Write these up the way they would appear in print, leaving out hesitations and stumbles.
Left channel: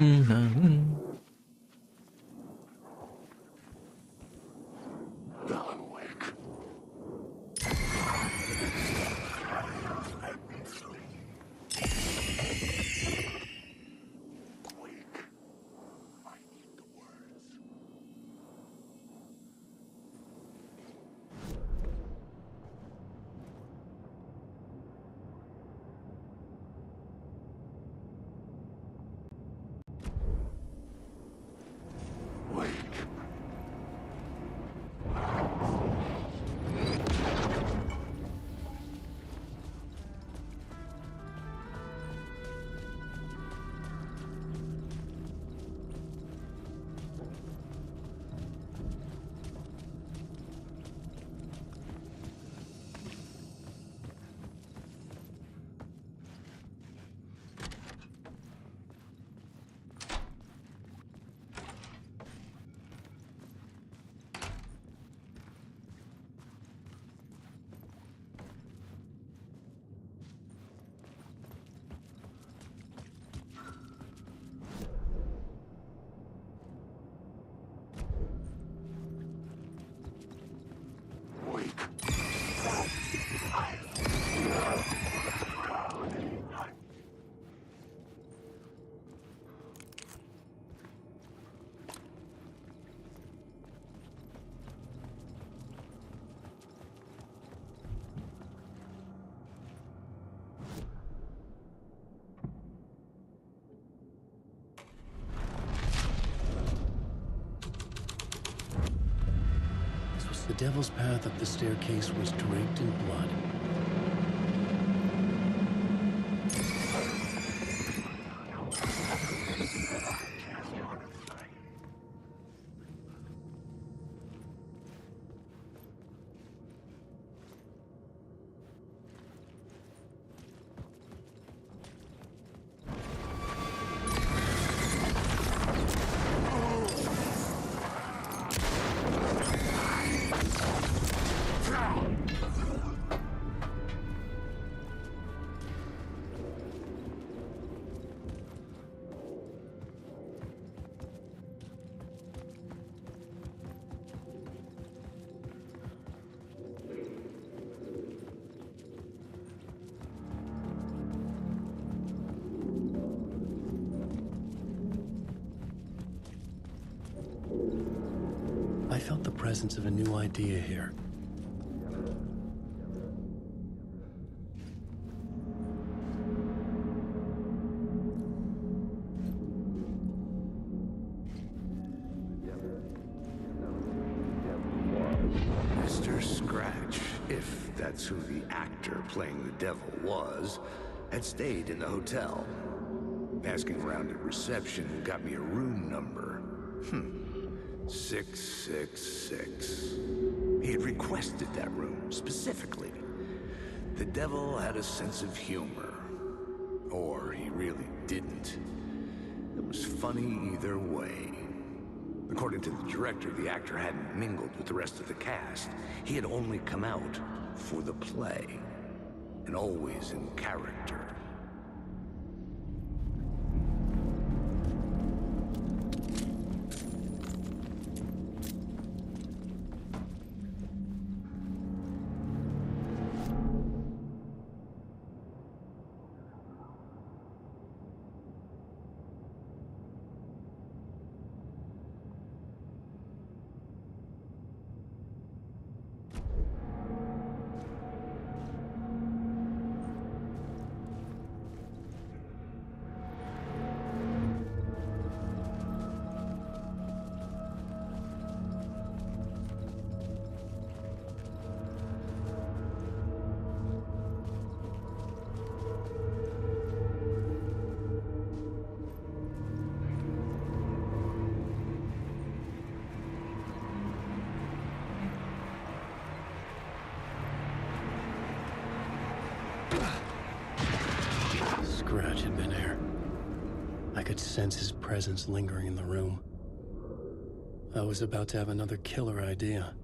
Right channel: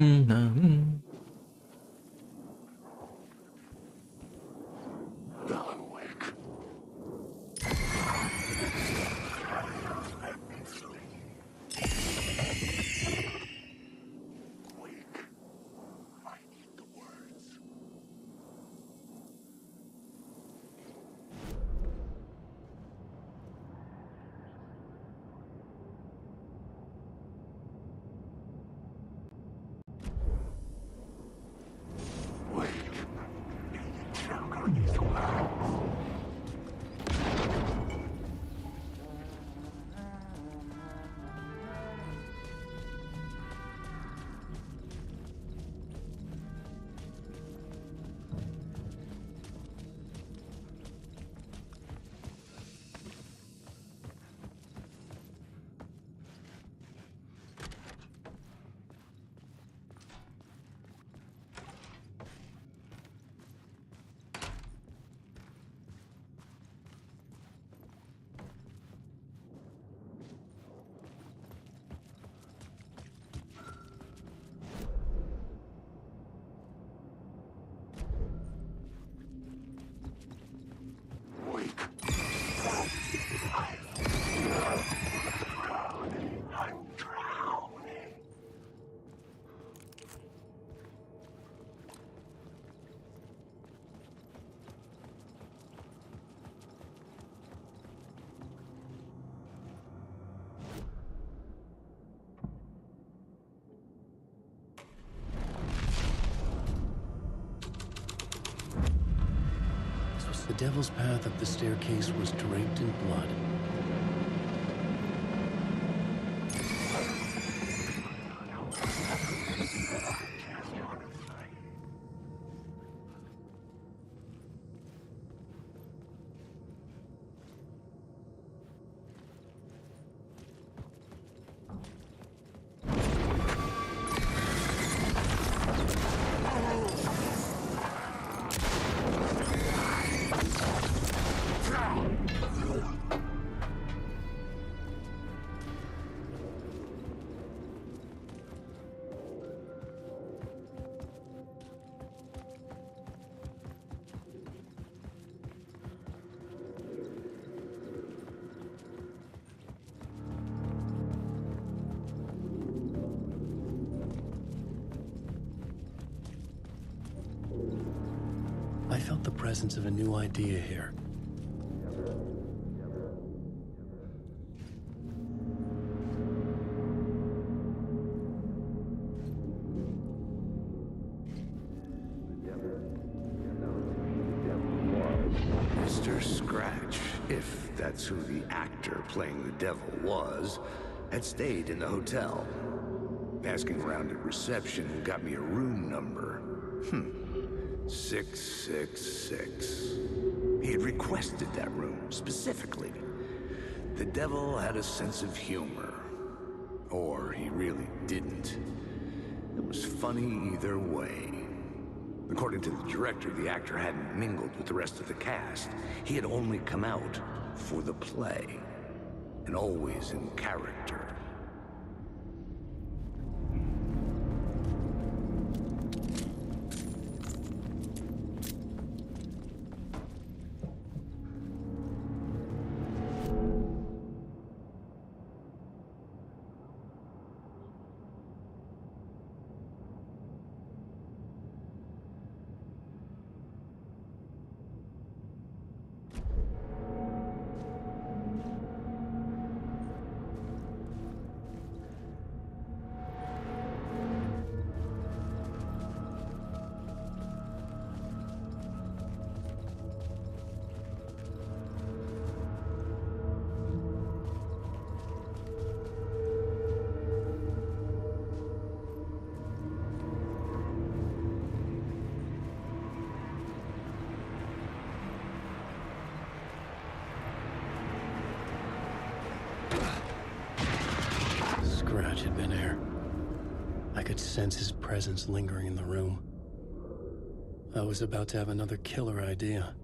Mm-hmm. Alan Wake. Wake. I need the words. Wake. I need the words. Wake. I'm drowning. The devil's path up the staircase was draped in blood. I felt the presence of a new idea here. Mr. Scratch, if that's who the actor playing the devil was, had stayed in the hotel. Asking around at reception got me a room number. 666. He had requested that room, specifically. The devil had a sense of humor. Or he really didn't. It was funny either way. According to the director, the actor hadn't mingled with the rest of the cast. He had only come out for the play. And always in character. Scratch had been here. I could sense his presence lingering in the room. I was about to have another killer idea.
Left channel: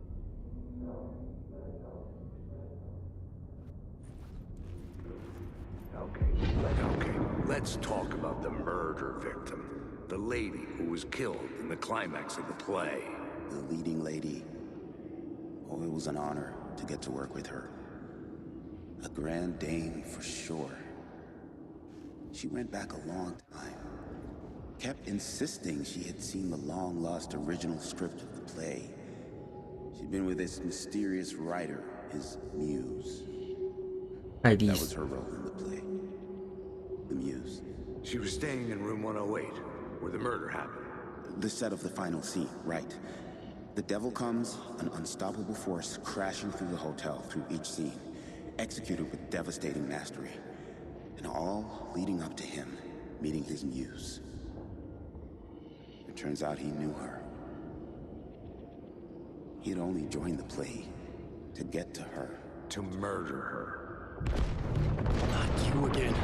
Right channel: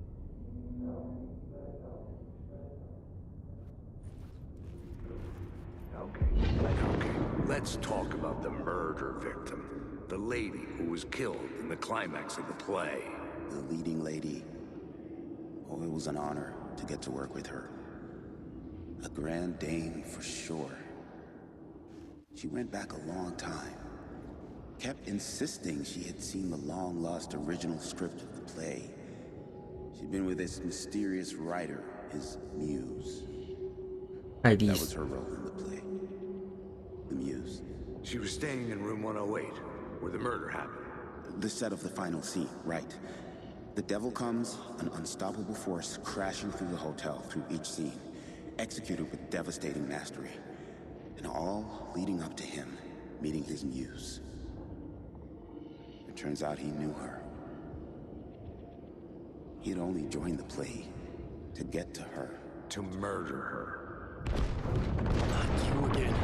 Okay, let's talk about the murder victim. The lady who was killed in the climax of the play. The leading lady. Oh, it was an honor to get to work with her. A grand dame for sure. She went back a long time. Kept insisting she had seen the long-lost original script of the play. She'd been with this mysterious writer, his muse. That was her role in the play. The muse. She was staying in room 108, where the murder happened. The set of the final scene, right. The devil comes, an unstoppable force crashing through the hotel through each scene, executed with devastating mastery. And all leading up to him meeting his muse. It turns out he knew her. He'd only joined the play to get to her. To murder her. Not you again.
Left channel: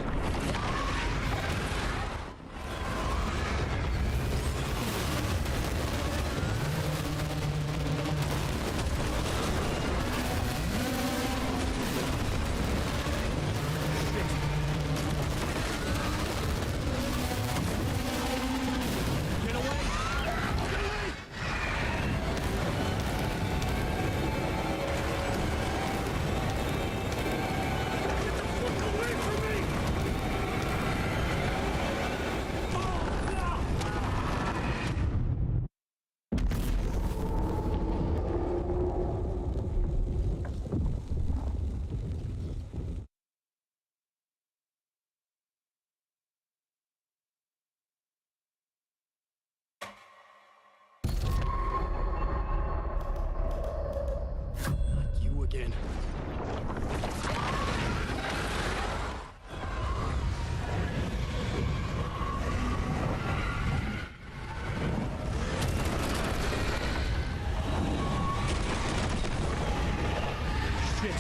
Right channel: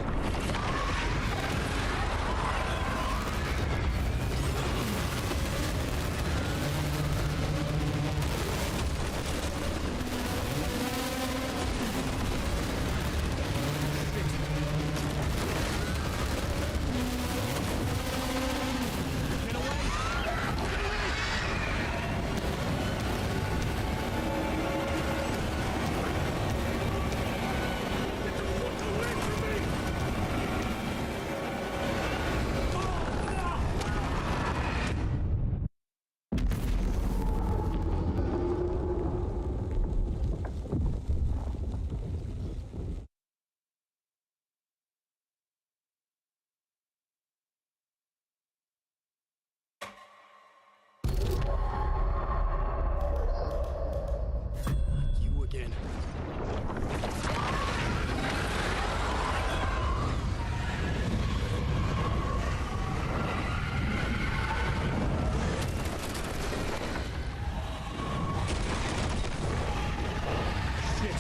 Again. Shit.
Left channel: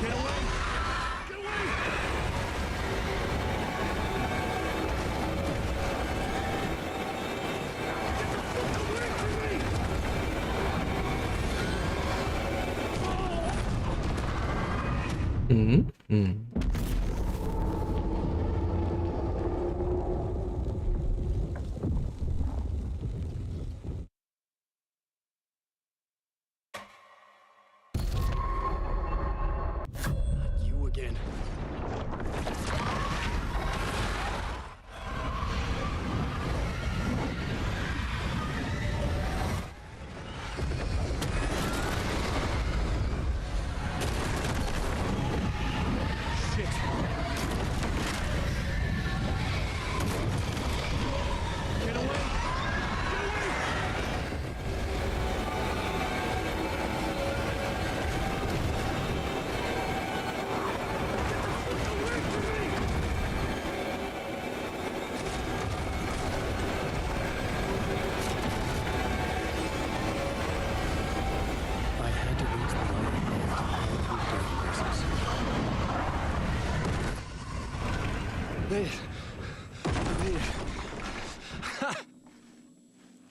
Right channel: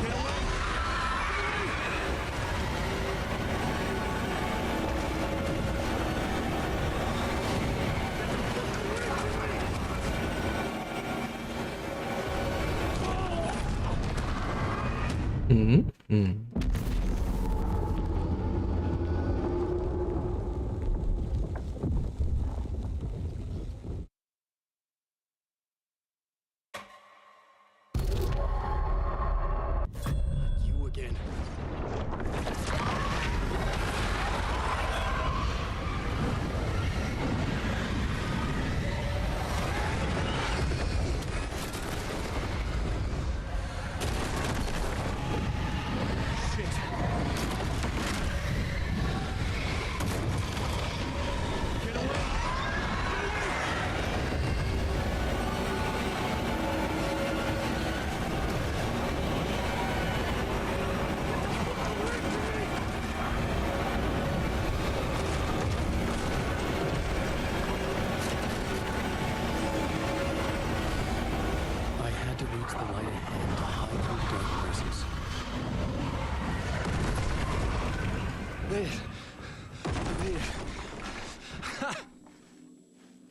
Get away! You again.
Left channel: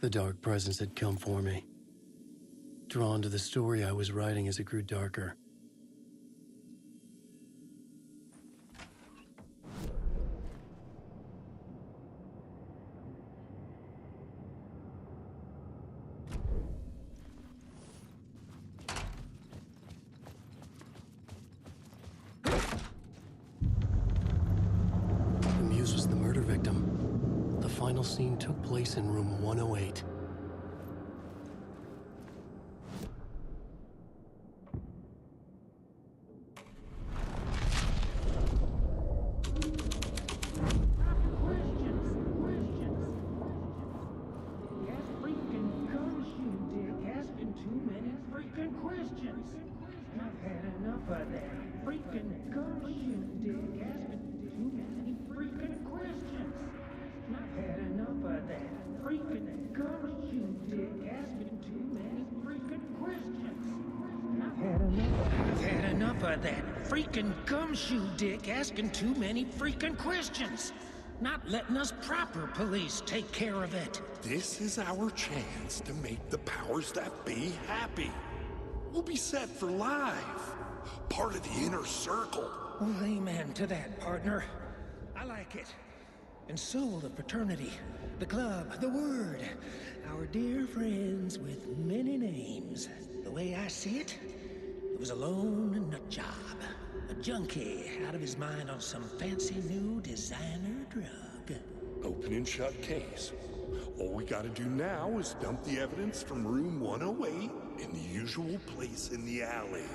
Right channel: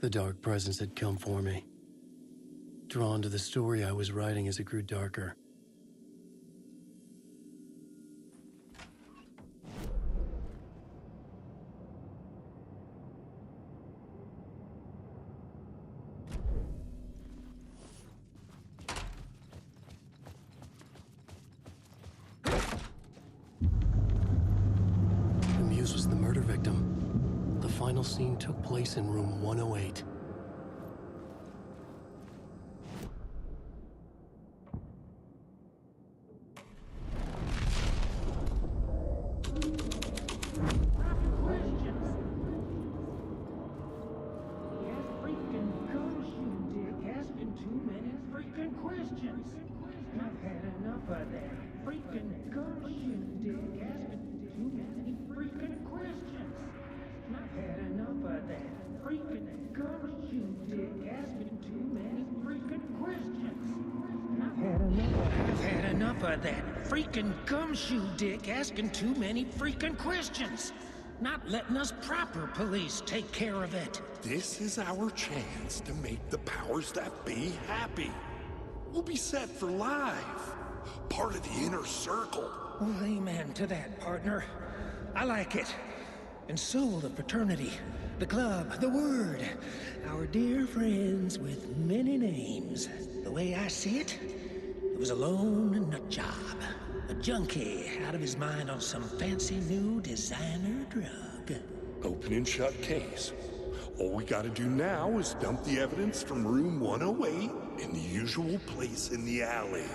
The dark presence had come for me. Drawn to the story I was writing as it grew darker. The muse was the murder victim. The final scene took place in room 108. Freaking gumshoe dick asking too many freaking questions. Not letting us proper police take care of it. This is our chance to make the powers that be happy. We'll be set for life. Part of the inner circle. Well, amen to that, partner. I like it. And so the fraternity, the club, the word. Our dear friends with many names. The way I see it, it was a lone nut job. A junkie out of his mind on some fancy new designer drug. Open and shut case. All we gotta do now is dump the evidence from room 108 in the usual place in the alley.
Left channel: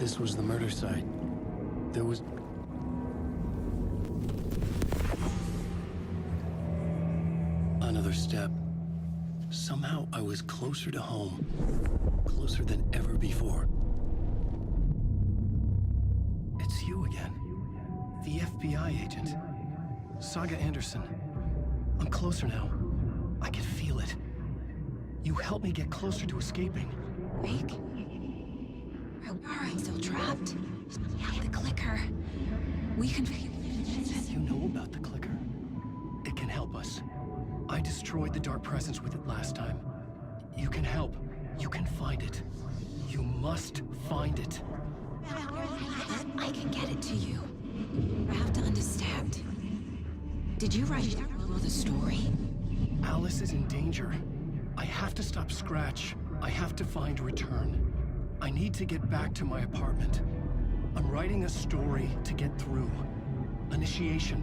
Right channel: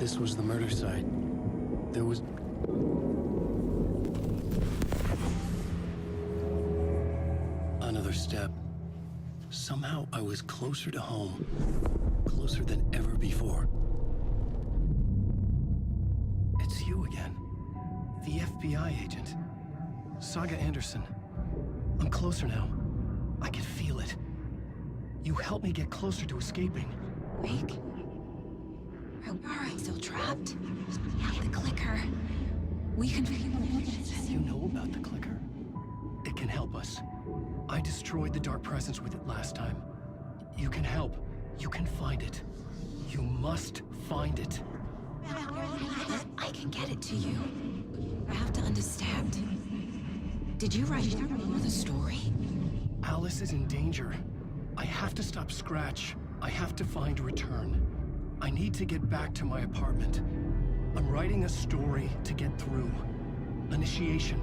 This was the murder site. There was... another step. Somehow I was closer to home. Closer than ever before. It's you again. The FBI agent. Saga Anderson. I'm closer now. I can feel it. You helped me get closer to escaping. Wake? Are I still trapped? Yeah, the clicker. We can... You know about the clicker? It can help us. I destroyed the dark presence with it last time. You can help. You can find it. You must find it. I can get it to you. I have to understand. Did you write the story? Alice is in danger. I have to stop Scratch. I have to find Return. I need to get back to my apartment. I'm writing a story to get through. Initiation.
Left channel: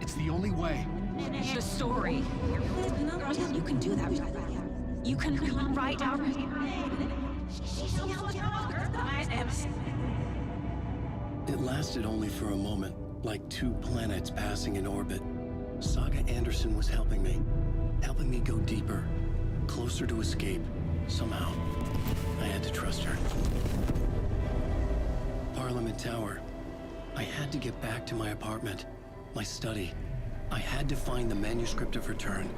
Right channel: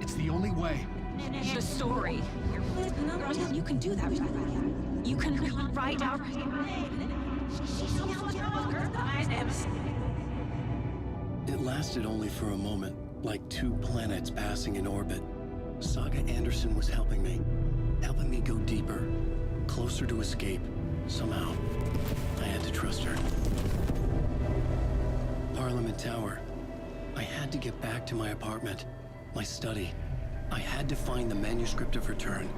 It's the only way. The story. You can do that. You can write out... It lasted only for a moment, like two planets passing in orbit. Saga Anderson was helping me go deeper, closer to escape, somehow. I had to trust her. Parliament Tower. I had to get back to my apartment, my study. I had to find the manuscript of Return.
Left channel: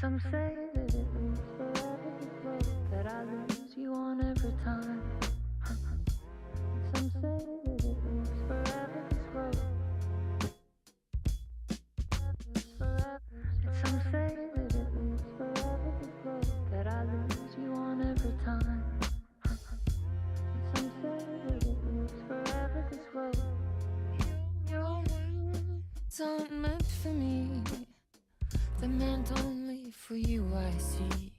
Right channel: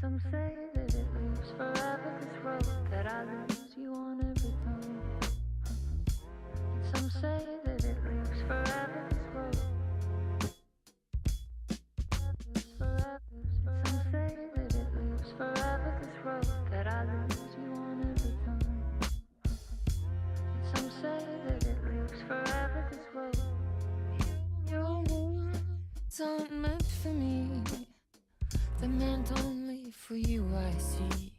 Some say that it moves forever, this road that I lose you on every time. Some say that it moves forever, this road. Some say that it moves forever, this road that I lose you on every time. Some say that it moves forever, this road. It's not meant for me. The meant only for you, I see.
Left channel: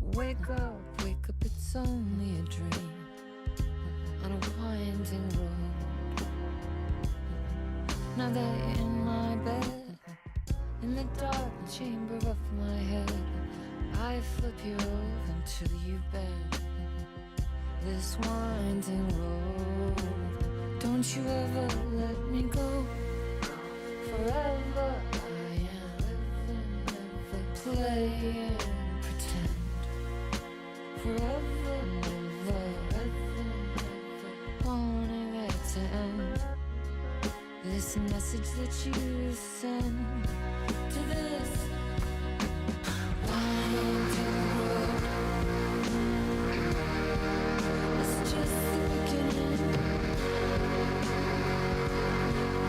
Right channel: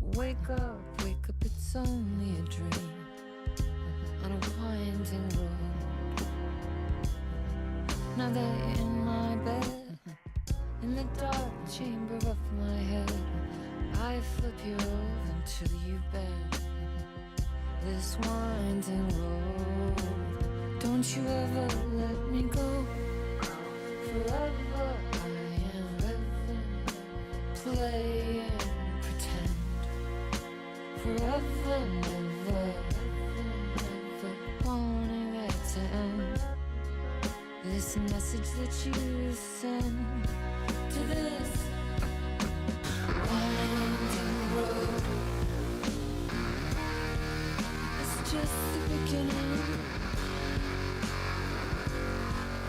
Wake up, it's only a dream on a winding road. Now that in my bed, in the dark chamber of my head, I flip you over until you bend this winding road. Don't you ever let me go. Forever play and pretend. Forever, never, wanting it to end. This message that you send to this winding road. just the beginning.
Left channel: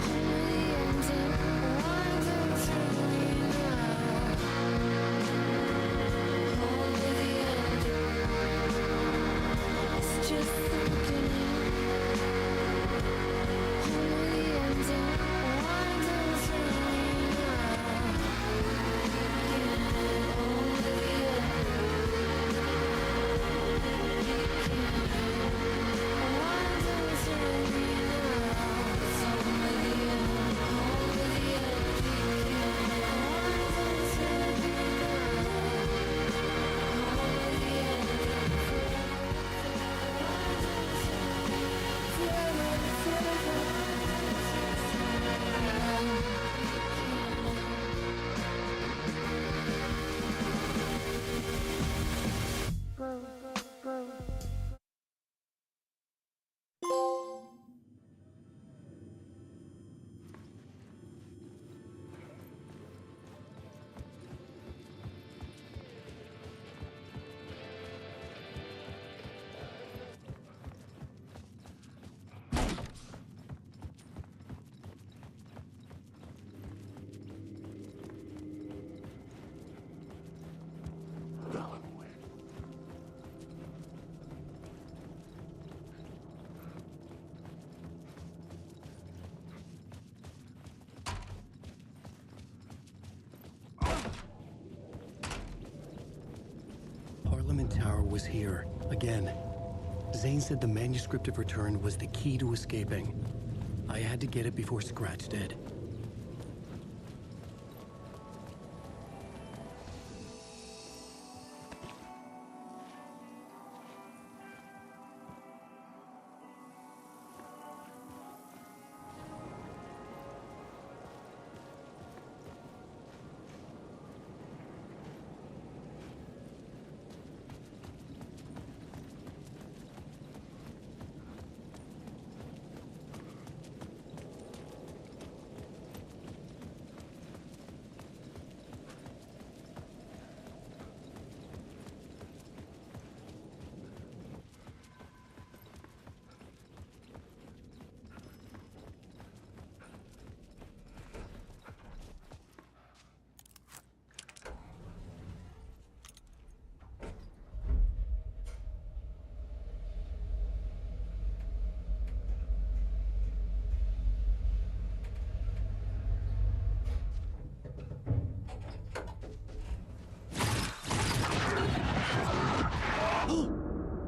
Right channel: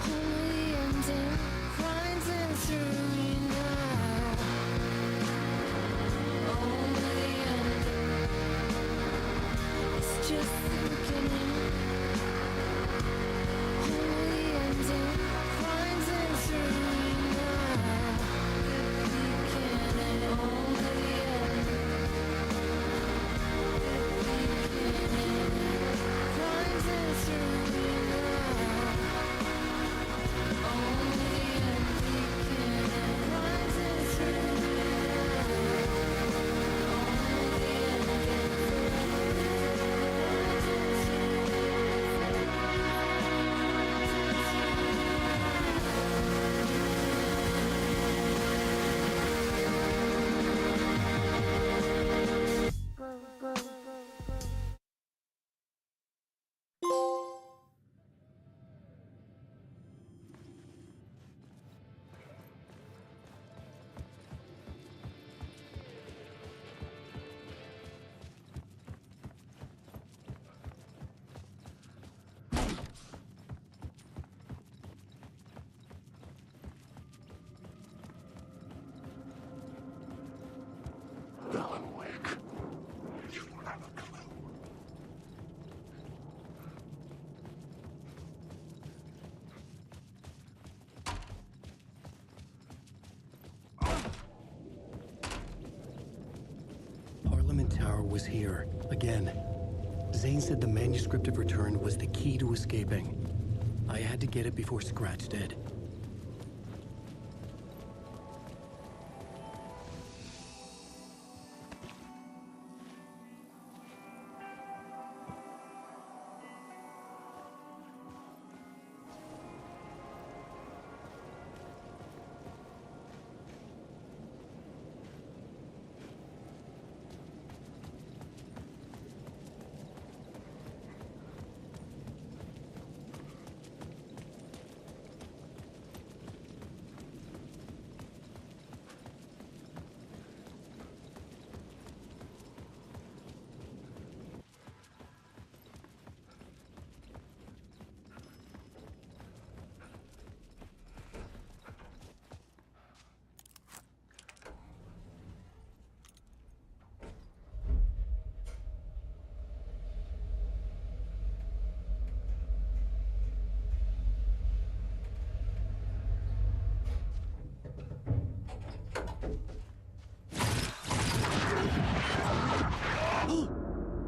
Only the ending. Winds into me now. Only the ending. It's just the beginning. Only the ending. Winds into me now. Only the ending. Alan Wake. You don't have a clue. Parliament Tower was here, again. Zane said the manuscript of return was the key to escaping. I had to get it before Scratch did.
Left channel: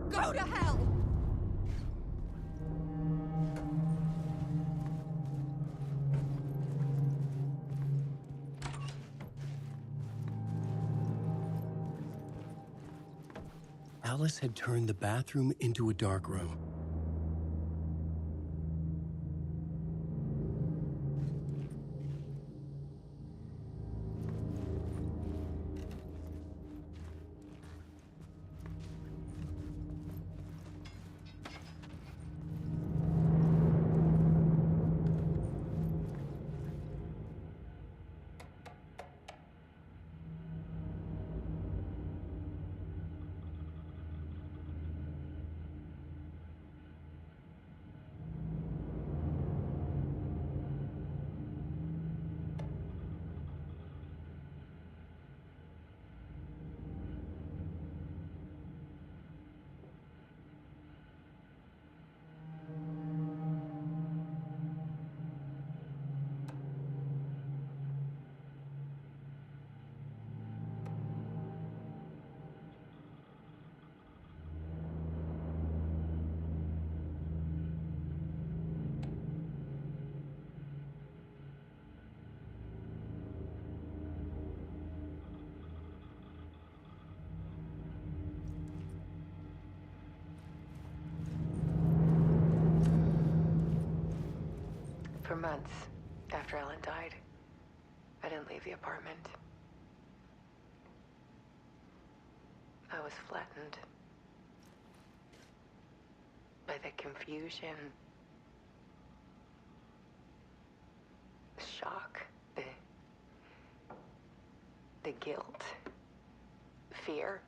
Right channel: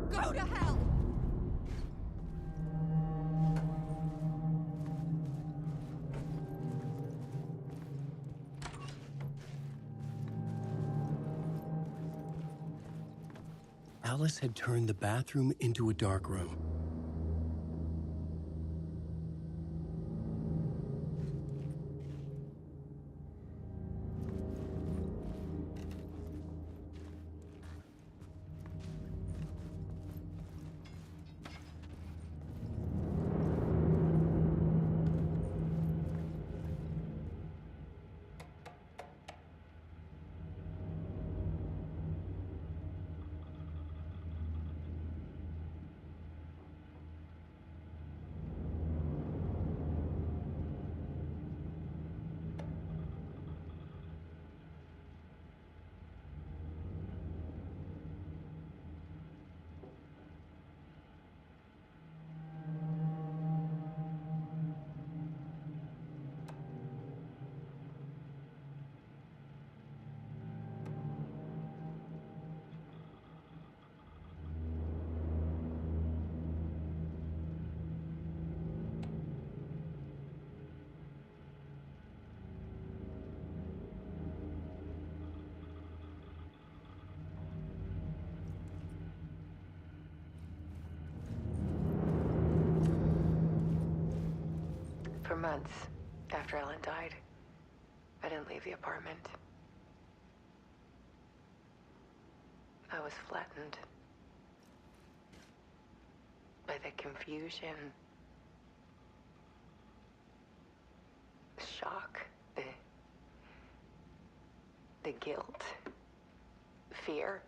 Go to hell! Alice had turned the bathroom into a dark room. For months after Ellen died, I didn't leave the apartment. I was flattened by the confusion, the shock, the guilt, fear.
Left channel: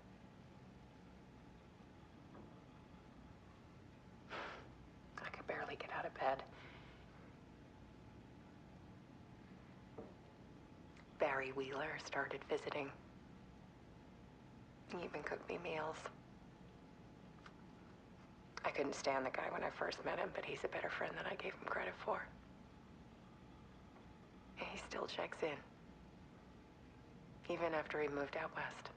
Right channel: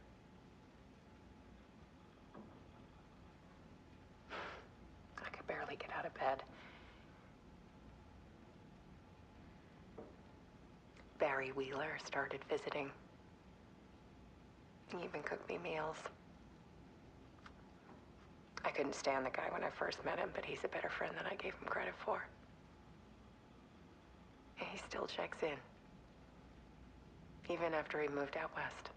Gary Wheeler started visiting. He even cooked me meals. I couldn't stand the guy when I first met him, but he's a better friend than I gave him credit for. And he still checks in. Even after he moved out west.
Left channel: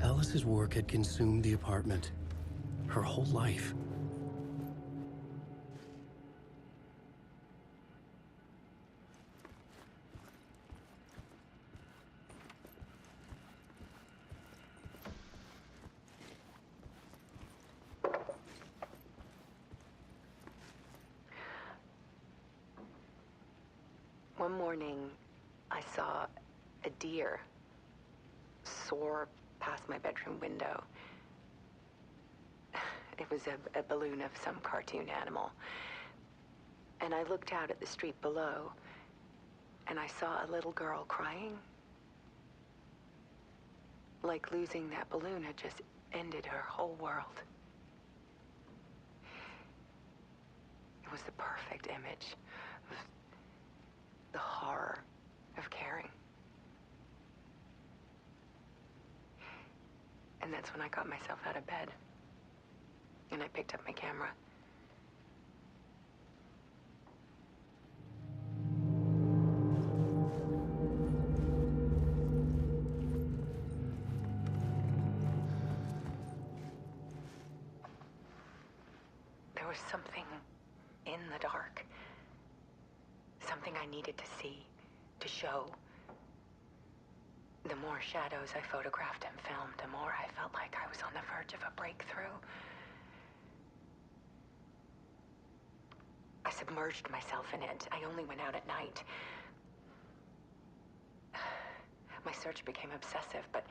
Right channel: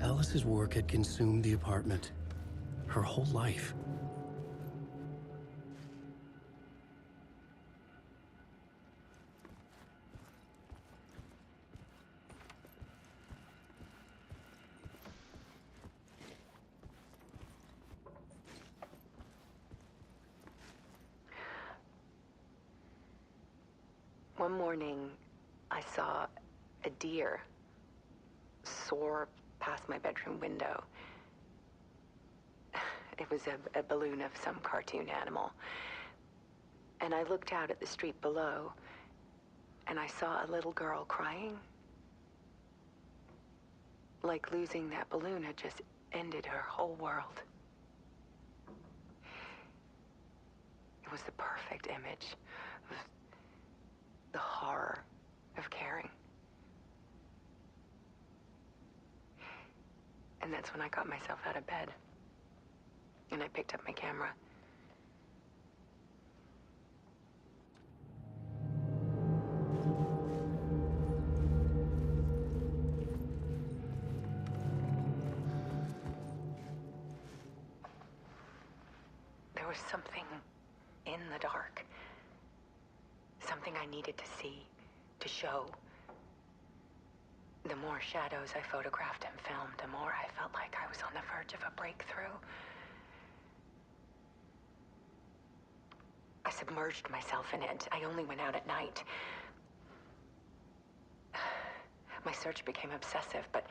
Alice's work had consumed the apartment. Her whole life. One morning, I saw a deer soar past my bedroom window. It was a balloon of some cartoon animal. And I looked out at the street below, and I saw a little girl crying. Like losing that balloon had just ended her whole world. It was the perfect image of the horror of caring. And that's when I got myself out of bed. And I picked up my camera. There was something in the dark. Something I needed to see, to show. The more shadows I photographed and filmed, the more I felt like I was on the verge of a breakthrough. I submerged myself in it. I only went out at night. My search became obsessive, but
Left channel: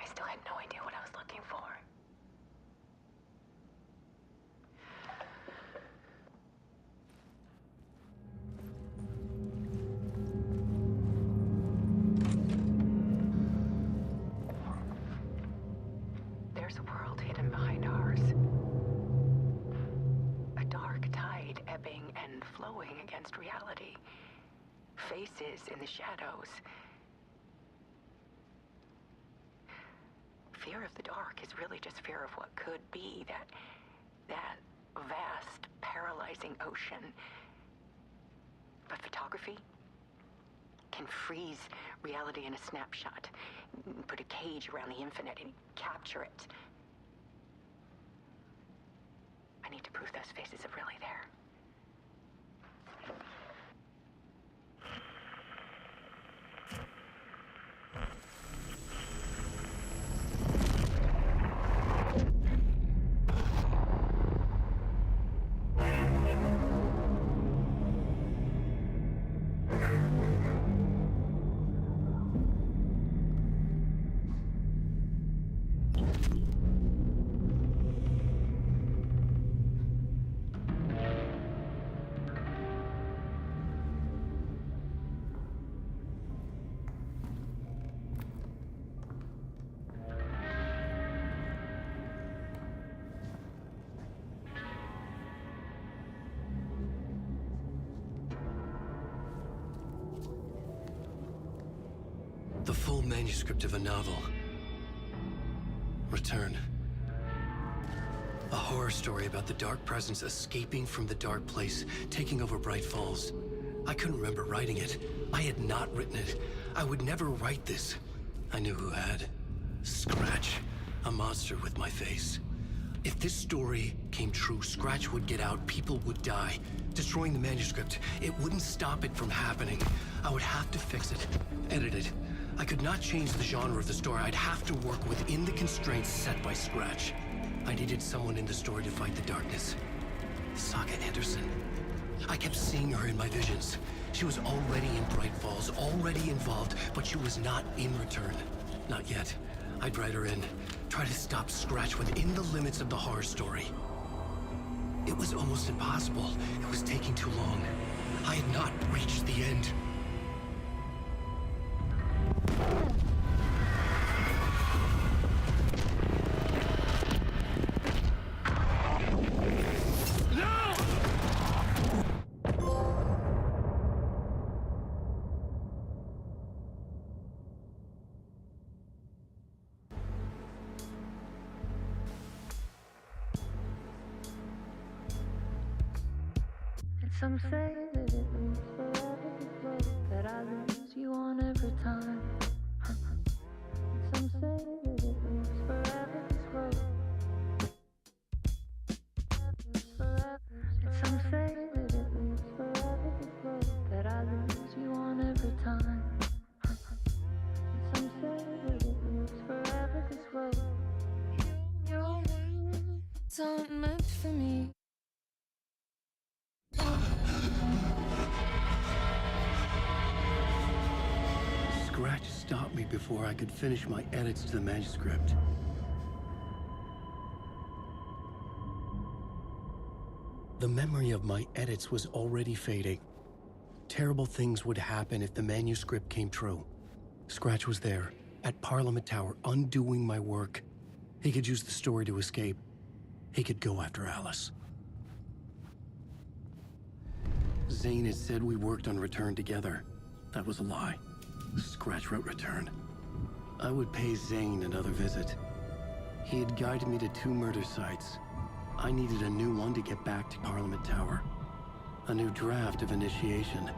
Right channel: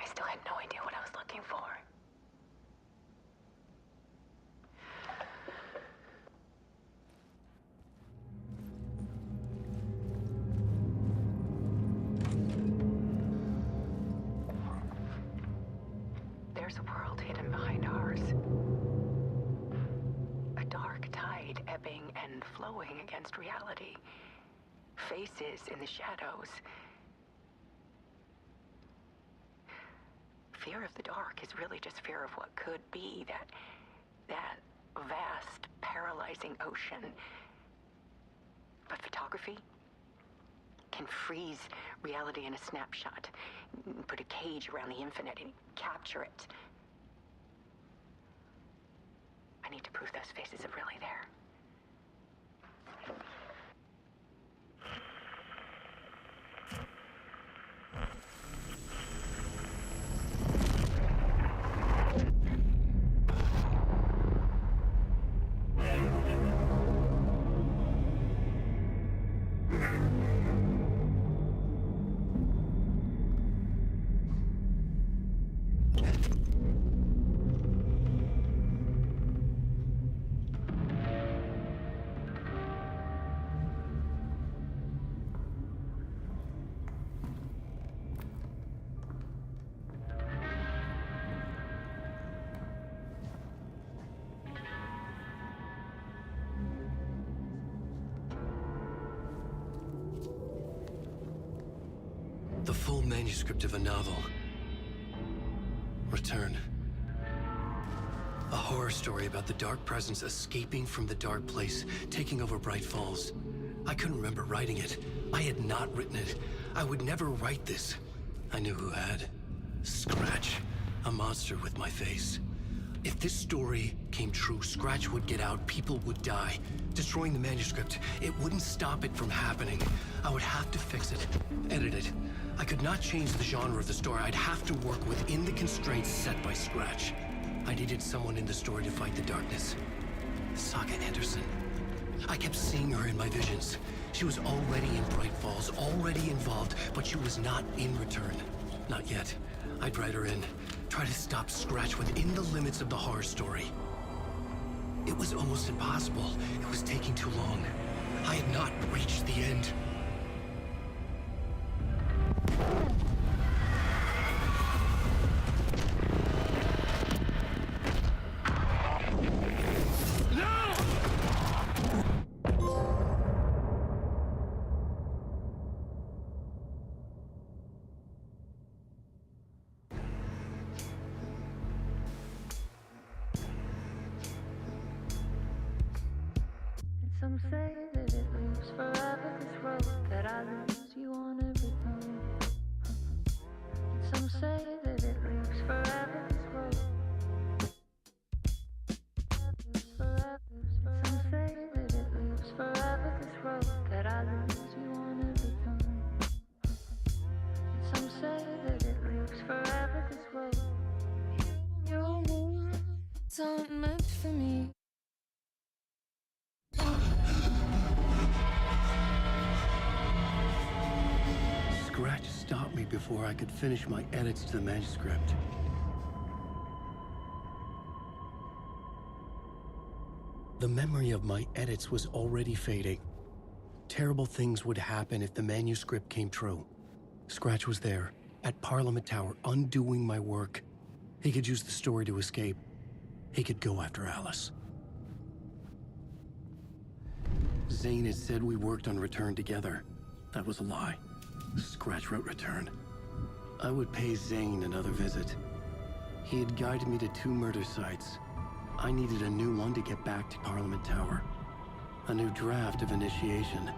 I still had no idea what I was looking for. There's a world hidden behind ours. A dark tide ebbing and flowing against reality. Faces in the shadows. Fear of the dark is really just fear of what could be, that vast, paralyzing ocean. But photography can freeze reality in a snapshot, put a cage around the infinite and capture it. I need to prove those faces are really there. The full manuscript of a novel. Return. A horror story about the dark presence escaping from the dark place, taking over Bright Falls. I couldn't remember writing it. I had not written it. I would never write this. I knew who had. Scratch. A monster with my face. If this story came true, Scratch would get out, people would die. Destroying the manuscript, it wouldn't stop it from happening. I would have to fix it, edit it. I could not change the genre of the story. I'd have to work within the constraints set by Scratch. I needed someone in the story to fight the darkness. Saga Anderson. I kept seeing her in my visions. She was already in Bright Falls, already involved, but she was not in Return. Not yet. I'd write her in, try to stop Scratch within the limits of the horror story. It was almost impossible. It was taking too long. I had not reached the end. Some say that it lives forever, this road that I lose you on every time. Some say that it lives forever, this road. Some say that it lives forever, this road that I lose you on every time. Some say that it lives forever, this road. It's not meant for me. Scratch stopped me before I could finish my edits to the manuscript. The memory of my edits was already fading. Terrible things would happen if the manuscript came true. Scratch was there, at Parliament Tower, undoing my work. He could use the story to escape. He could go after Alice. Zane had said we worked on Return together. That was a lie. Scratch wrote Return. I would pay Zane another visit. He had guided me to 2 murder sites. I needed a new one to get back to Parliament Tower. A new draft of Initiation.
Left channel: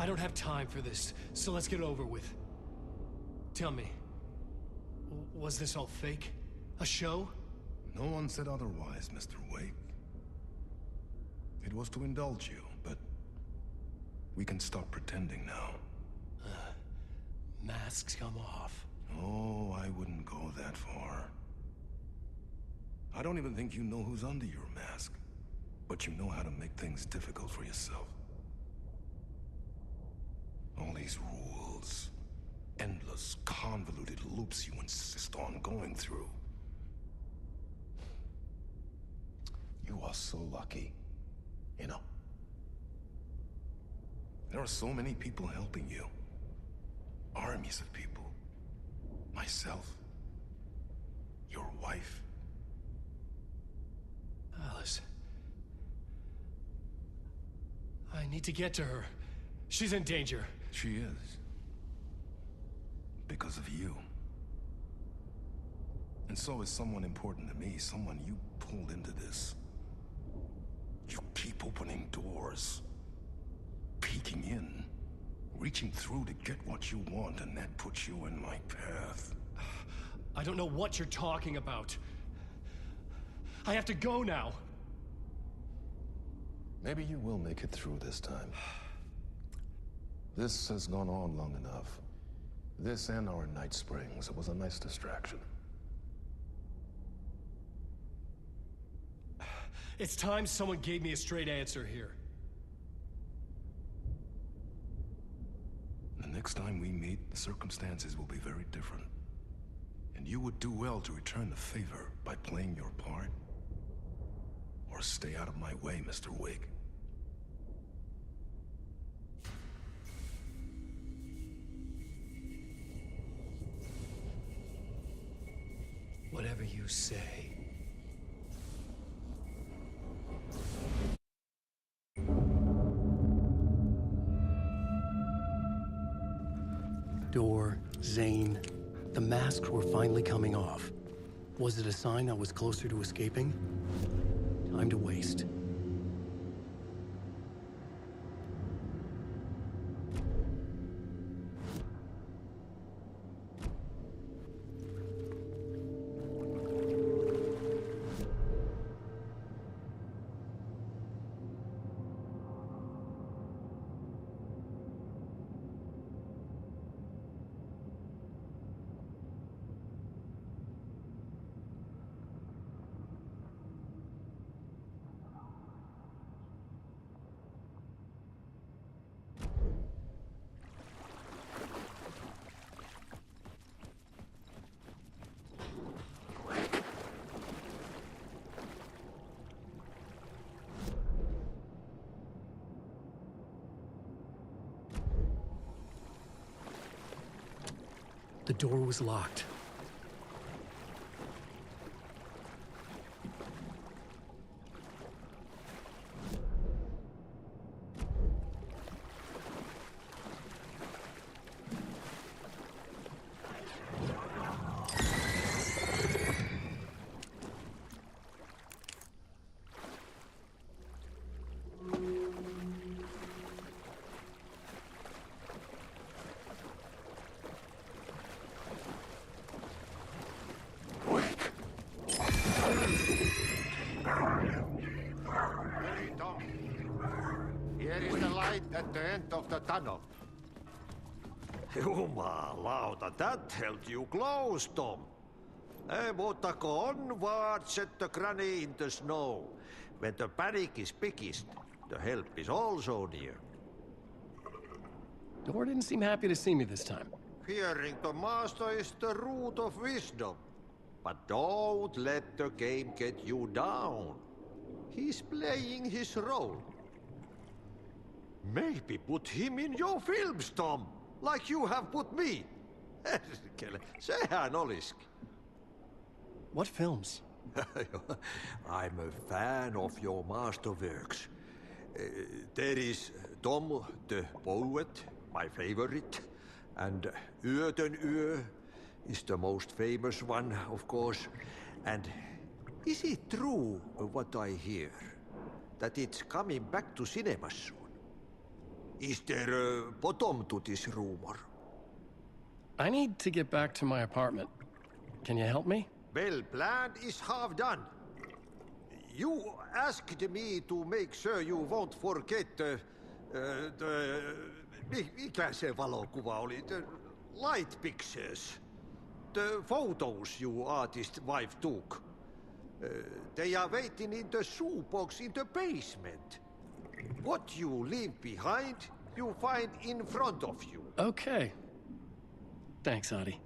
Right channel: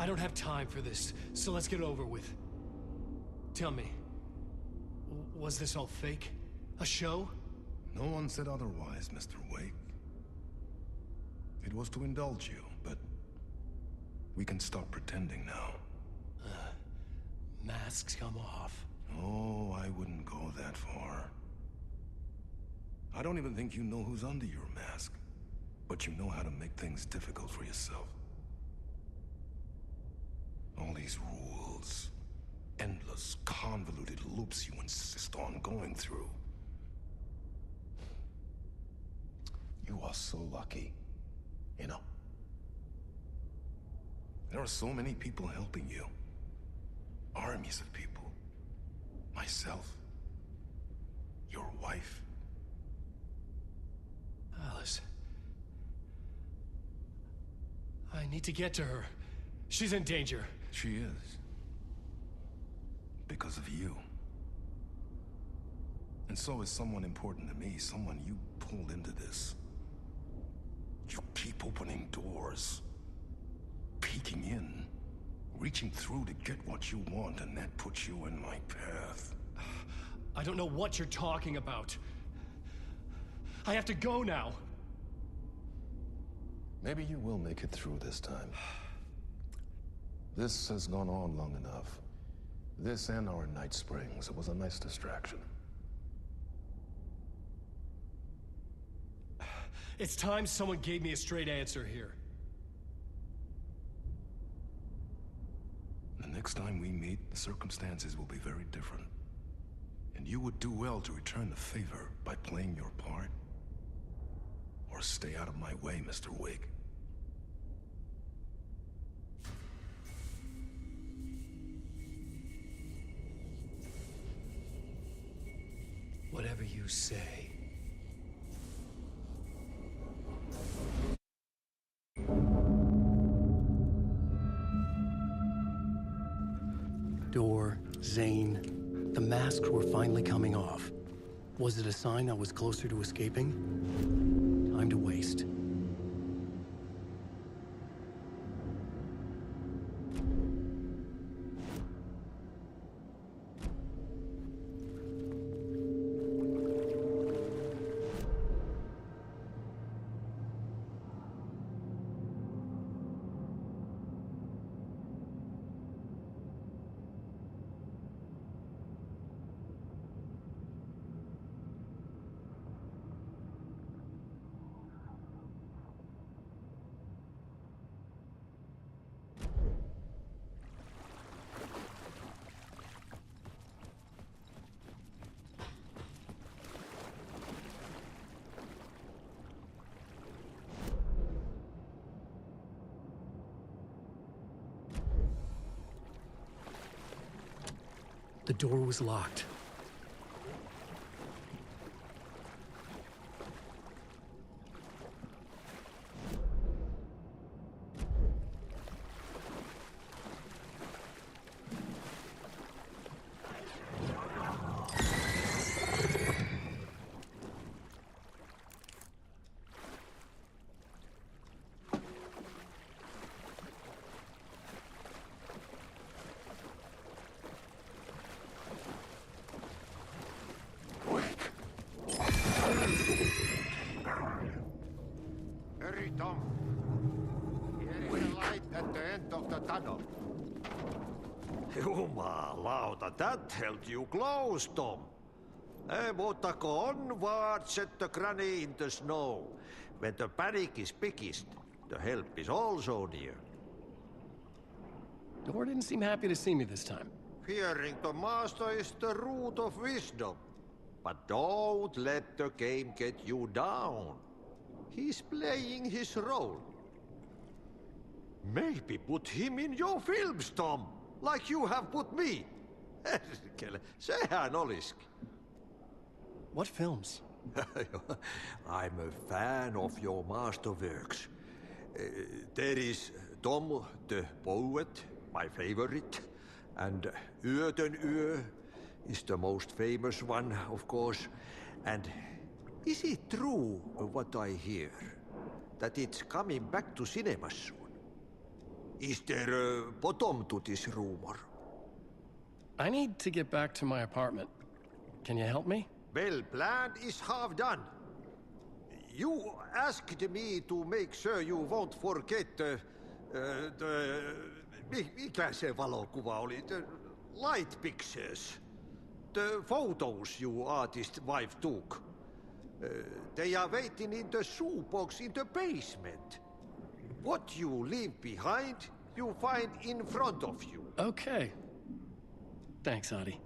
I don't have time for this, so let's get it over with. Tell me, was this all fake? A show? No one said otherwise, Mr. Wake. It was to indulge you, but we can stop pretending now. Masks come off. Oh, I wouldn't go that far. I don't even think you know who's under your mask, but you know how to make things difficult for yourself. All these rules, endless, convoluted loops you insist on going through. You are so lucky, you know. There are so many people helping you. Armies of people. Myself. Your wife. Alice. I need to get to her. She's in danger. She is. Because of you. And so is someone important to me, someone you pulled into this. You keep opening doors. Peeking in. Reaching through to get what you want, and that puts you in my path. I don't know what you're talking about. I have to go now. Maybe you will make it through this time. This has gone on long enough. This and our night springs. It was a nice distraction. It's time someone gave me a straight answer here. The next time we meet, the circumstances will be very different. And you would do well to return the favor by playing your part. Or stay out of my way, Mr. Wake. Whatever you say. door, Zane. The masks were finally coming off. Was it a sign I was closer to escaping? Time to waste. The door was locked. Hurry, Tom. Here is the light at the end of the tunnel. Jumalauta, that held you close, Tom. Mutta go onward, set the granny in the snow. When the panic is biggest, the help is also near. Door didn't seem happy to see me this time. Fearing the master is the root of wisdom. But don't let the game get you down. He's playing his role. Maybe put him in your films, Tom, like you have put me. Sehän olisikin. What films? I'm a fan of your masterworks. There is Tom the Poet, my favorite, and Yöten Yö is the most famous one, of course. And is it true what I hear, that it's coming back to cinemas soon? Is there a bottom to this rumor? I need to get back to my apartment. Can you help me? Well, plan is half done. You asked me to make sure you won't forget mikä se valokuva oli? The light pictures. The photos you artist wife took. They are waiting in the shoebox in the basement. What you leave behind, you find in front of you. Okay. Thanks, Adi.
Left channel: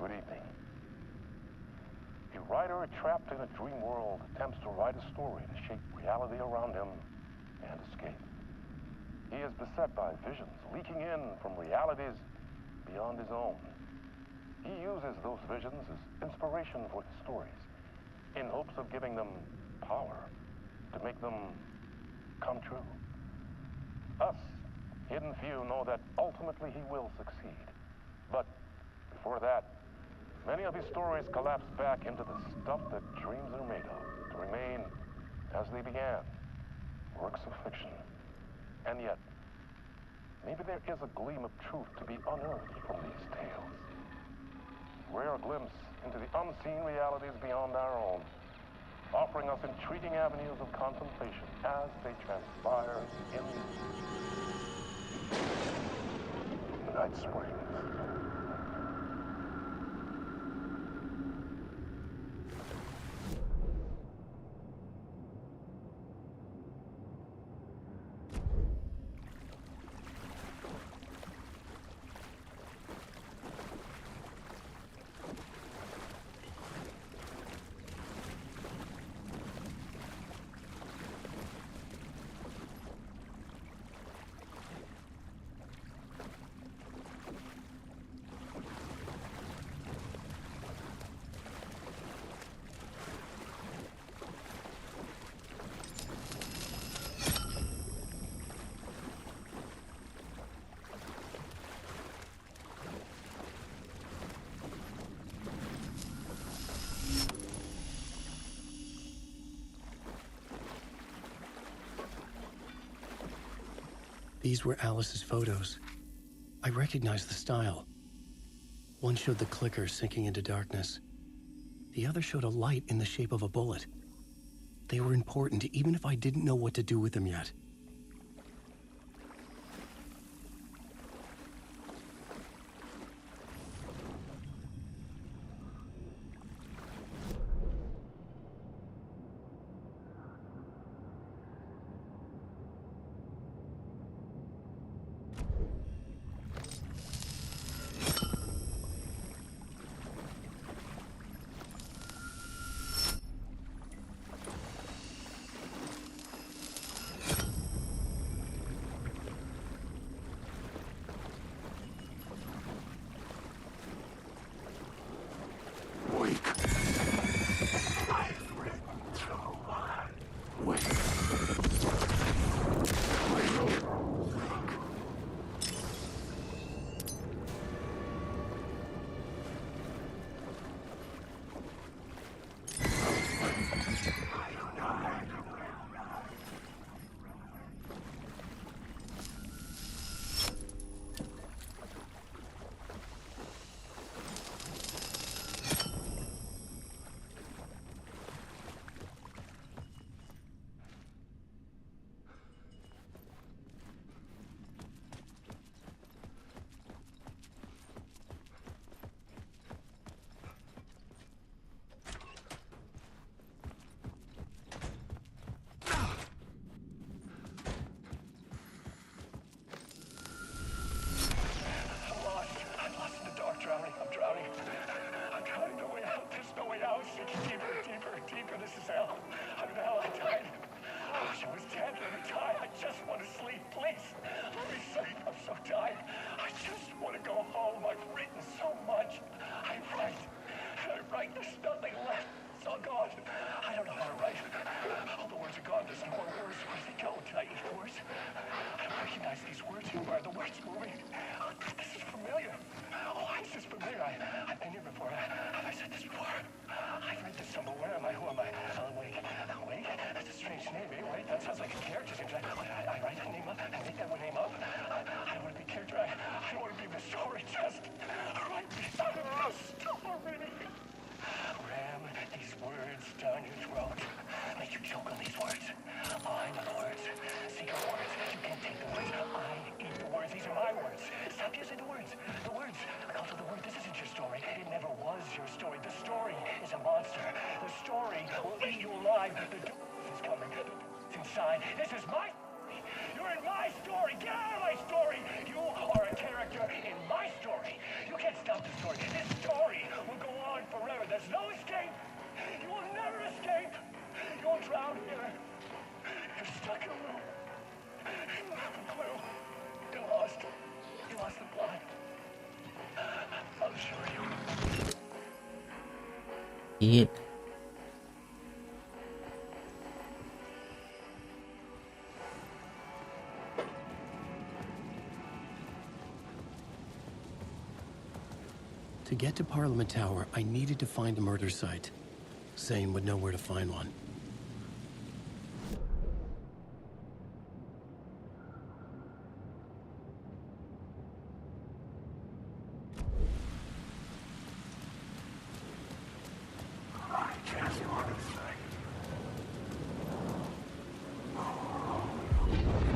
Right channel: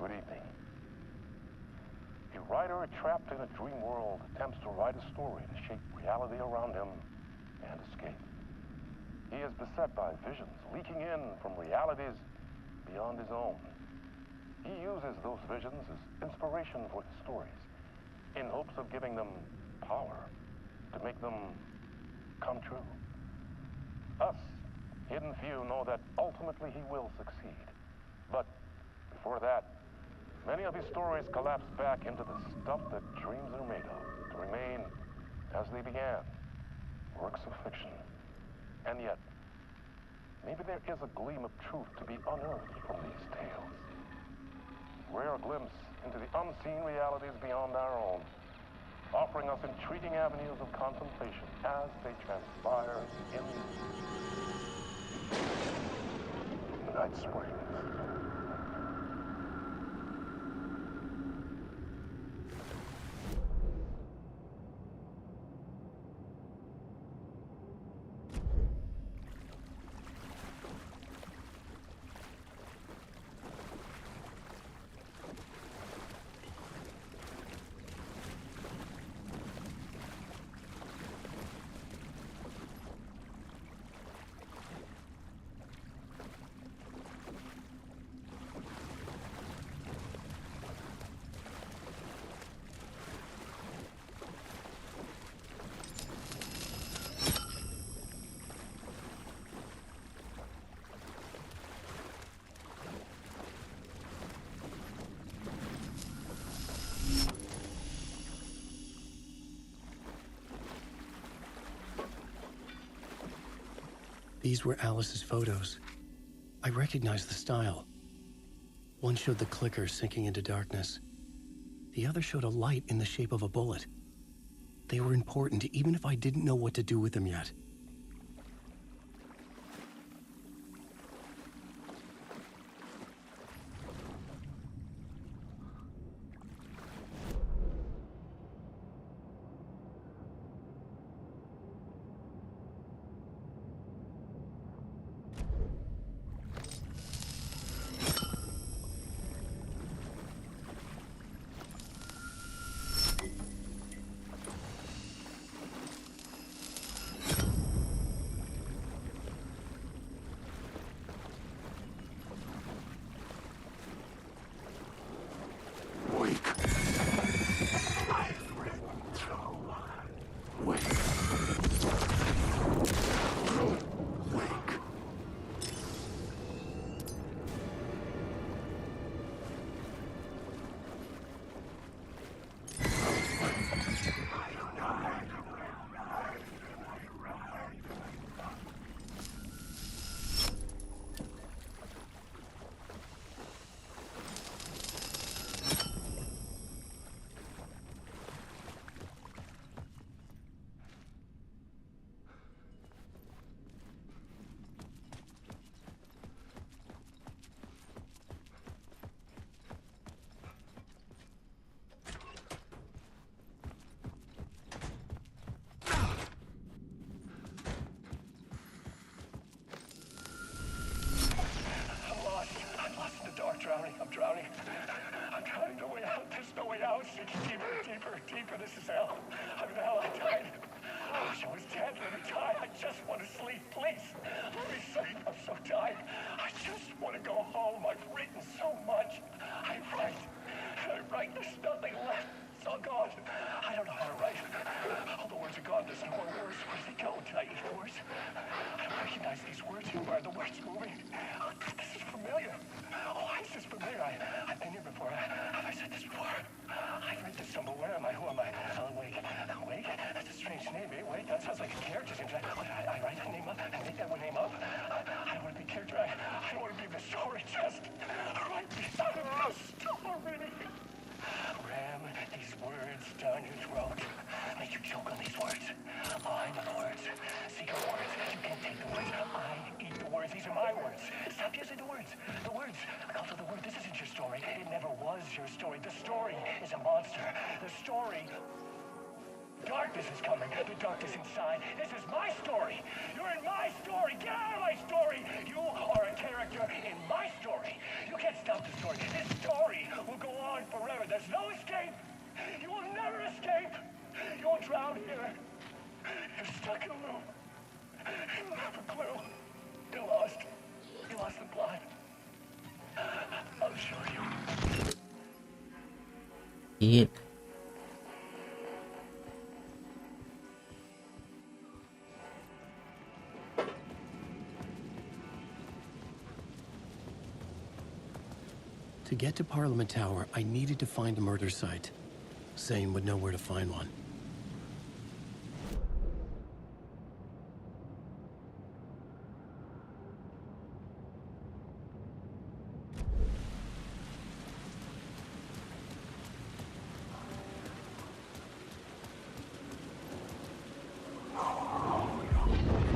Good evening. A writer trapped in a dream world attempts to write a story to shape reality around him and escape. He is beset by visions leaking in from realities beyond his own. He uses those visions as inspiration for his stories, in hopes of giving them power to make them come true. Us, hidden few, know that ultimately he will succeed. But before that, many of his stories collapse back into the stuff that dreams are made of, to remain as they began, works of fiction. And yet, maybe there is a gleam of truth to be unearthed from these tales. Rare glimpse into the unseen realities beyond our own, offering us intriguing avenues of contemplation as they transpire in Night Springs. These were Alice's photos. I recognized the style. One showed the clicker sinking into darkness. The other showed a light in the shape of a bullet. They were important, even if I didn't know what to do with them yet. Deeper, this is hell. I'm in hell, I died. I wish I was dead. Let me die. I just want to sleep, please. Let me sleep. I'm so tired. I just want to go home. I've written so much. I write. There's nothing left. It's all gone. I don't know how to write. All the words are gone. There's no more words. Where do they go? Did I eat the words? I don't recognize these words anymore. The words moving. Oh, this is familiar. words. A cult of the word. This isn't your story. It never was your story. The story is a monster. The story will eat you alive. The darkness is coming. The darkness inside. This is my story. You're in my story. Get out of my story. You are a character in my story. You can't stop the story. This story will go on forever. There's no escape. You will never escape. You will drown here. You're stuck in a room. You have a clue. You're lost. You lost the plot. I'll show you. Eat. To get to Parliament Tower, I needed to find a murder site. Zane would know where to find one.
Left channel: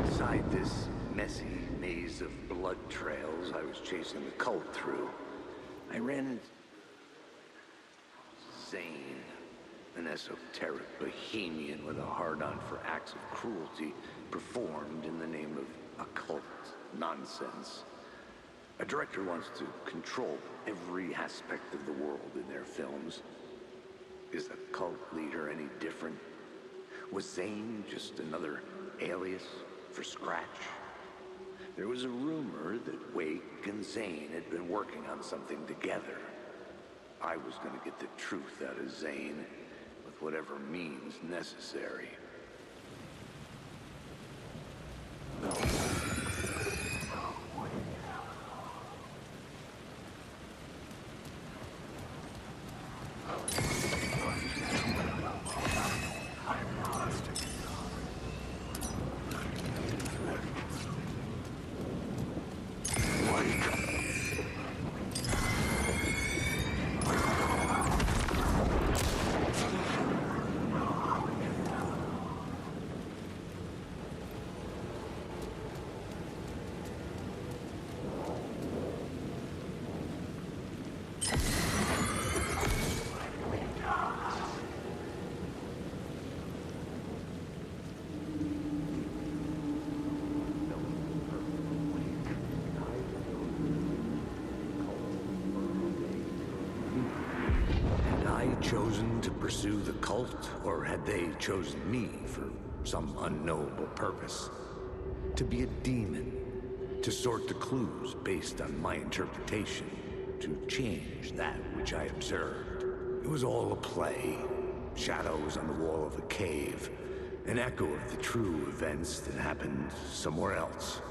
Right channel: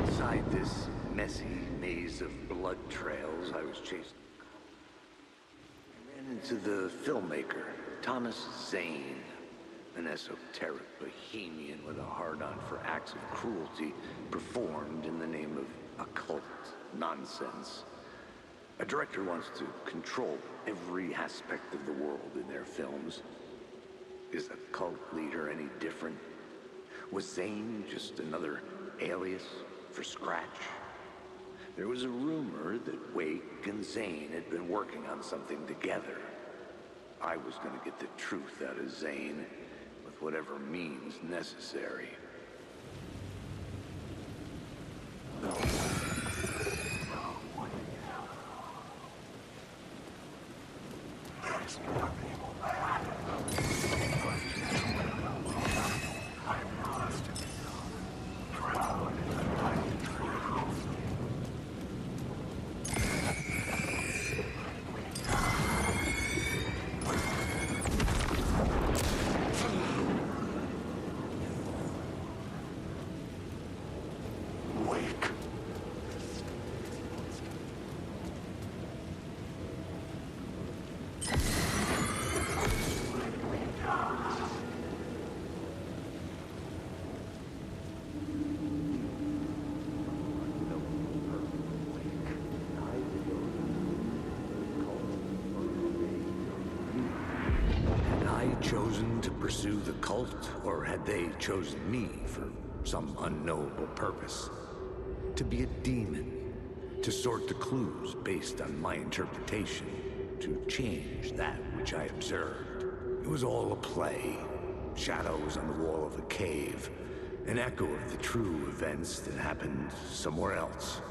Inside this messy maze of blood trails I was chasing the cult through, I ran into the filmmaker, Thomas Zane, an esoteric bohemian with a hard-on for acts of cruelty performed in the name of occult nonsense. A director wants to control every aspect of the world in their films. Is the cult leader any different? Was Zane just another alias for Scratch? There was a rumor that Wake and Zane had been working on something together. I was going to get the truth out of Zane with whatever means necessary. Chosen to pursue the cult, or had they chosen me for some unknowable purpose? To be a demon, to sort the clues based on my interpretation, to change that which I observed. It was all a play, shadows on the wall of a cave, an echo of the true events that happened somewhere else.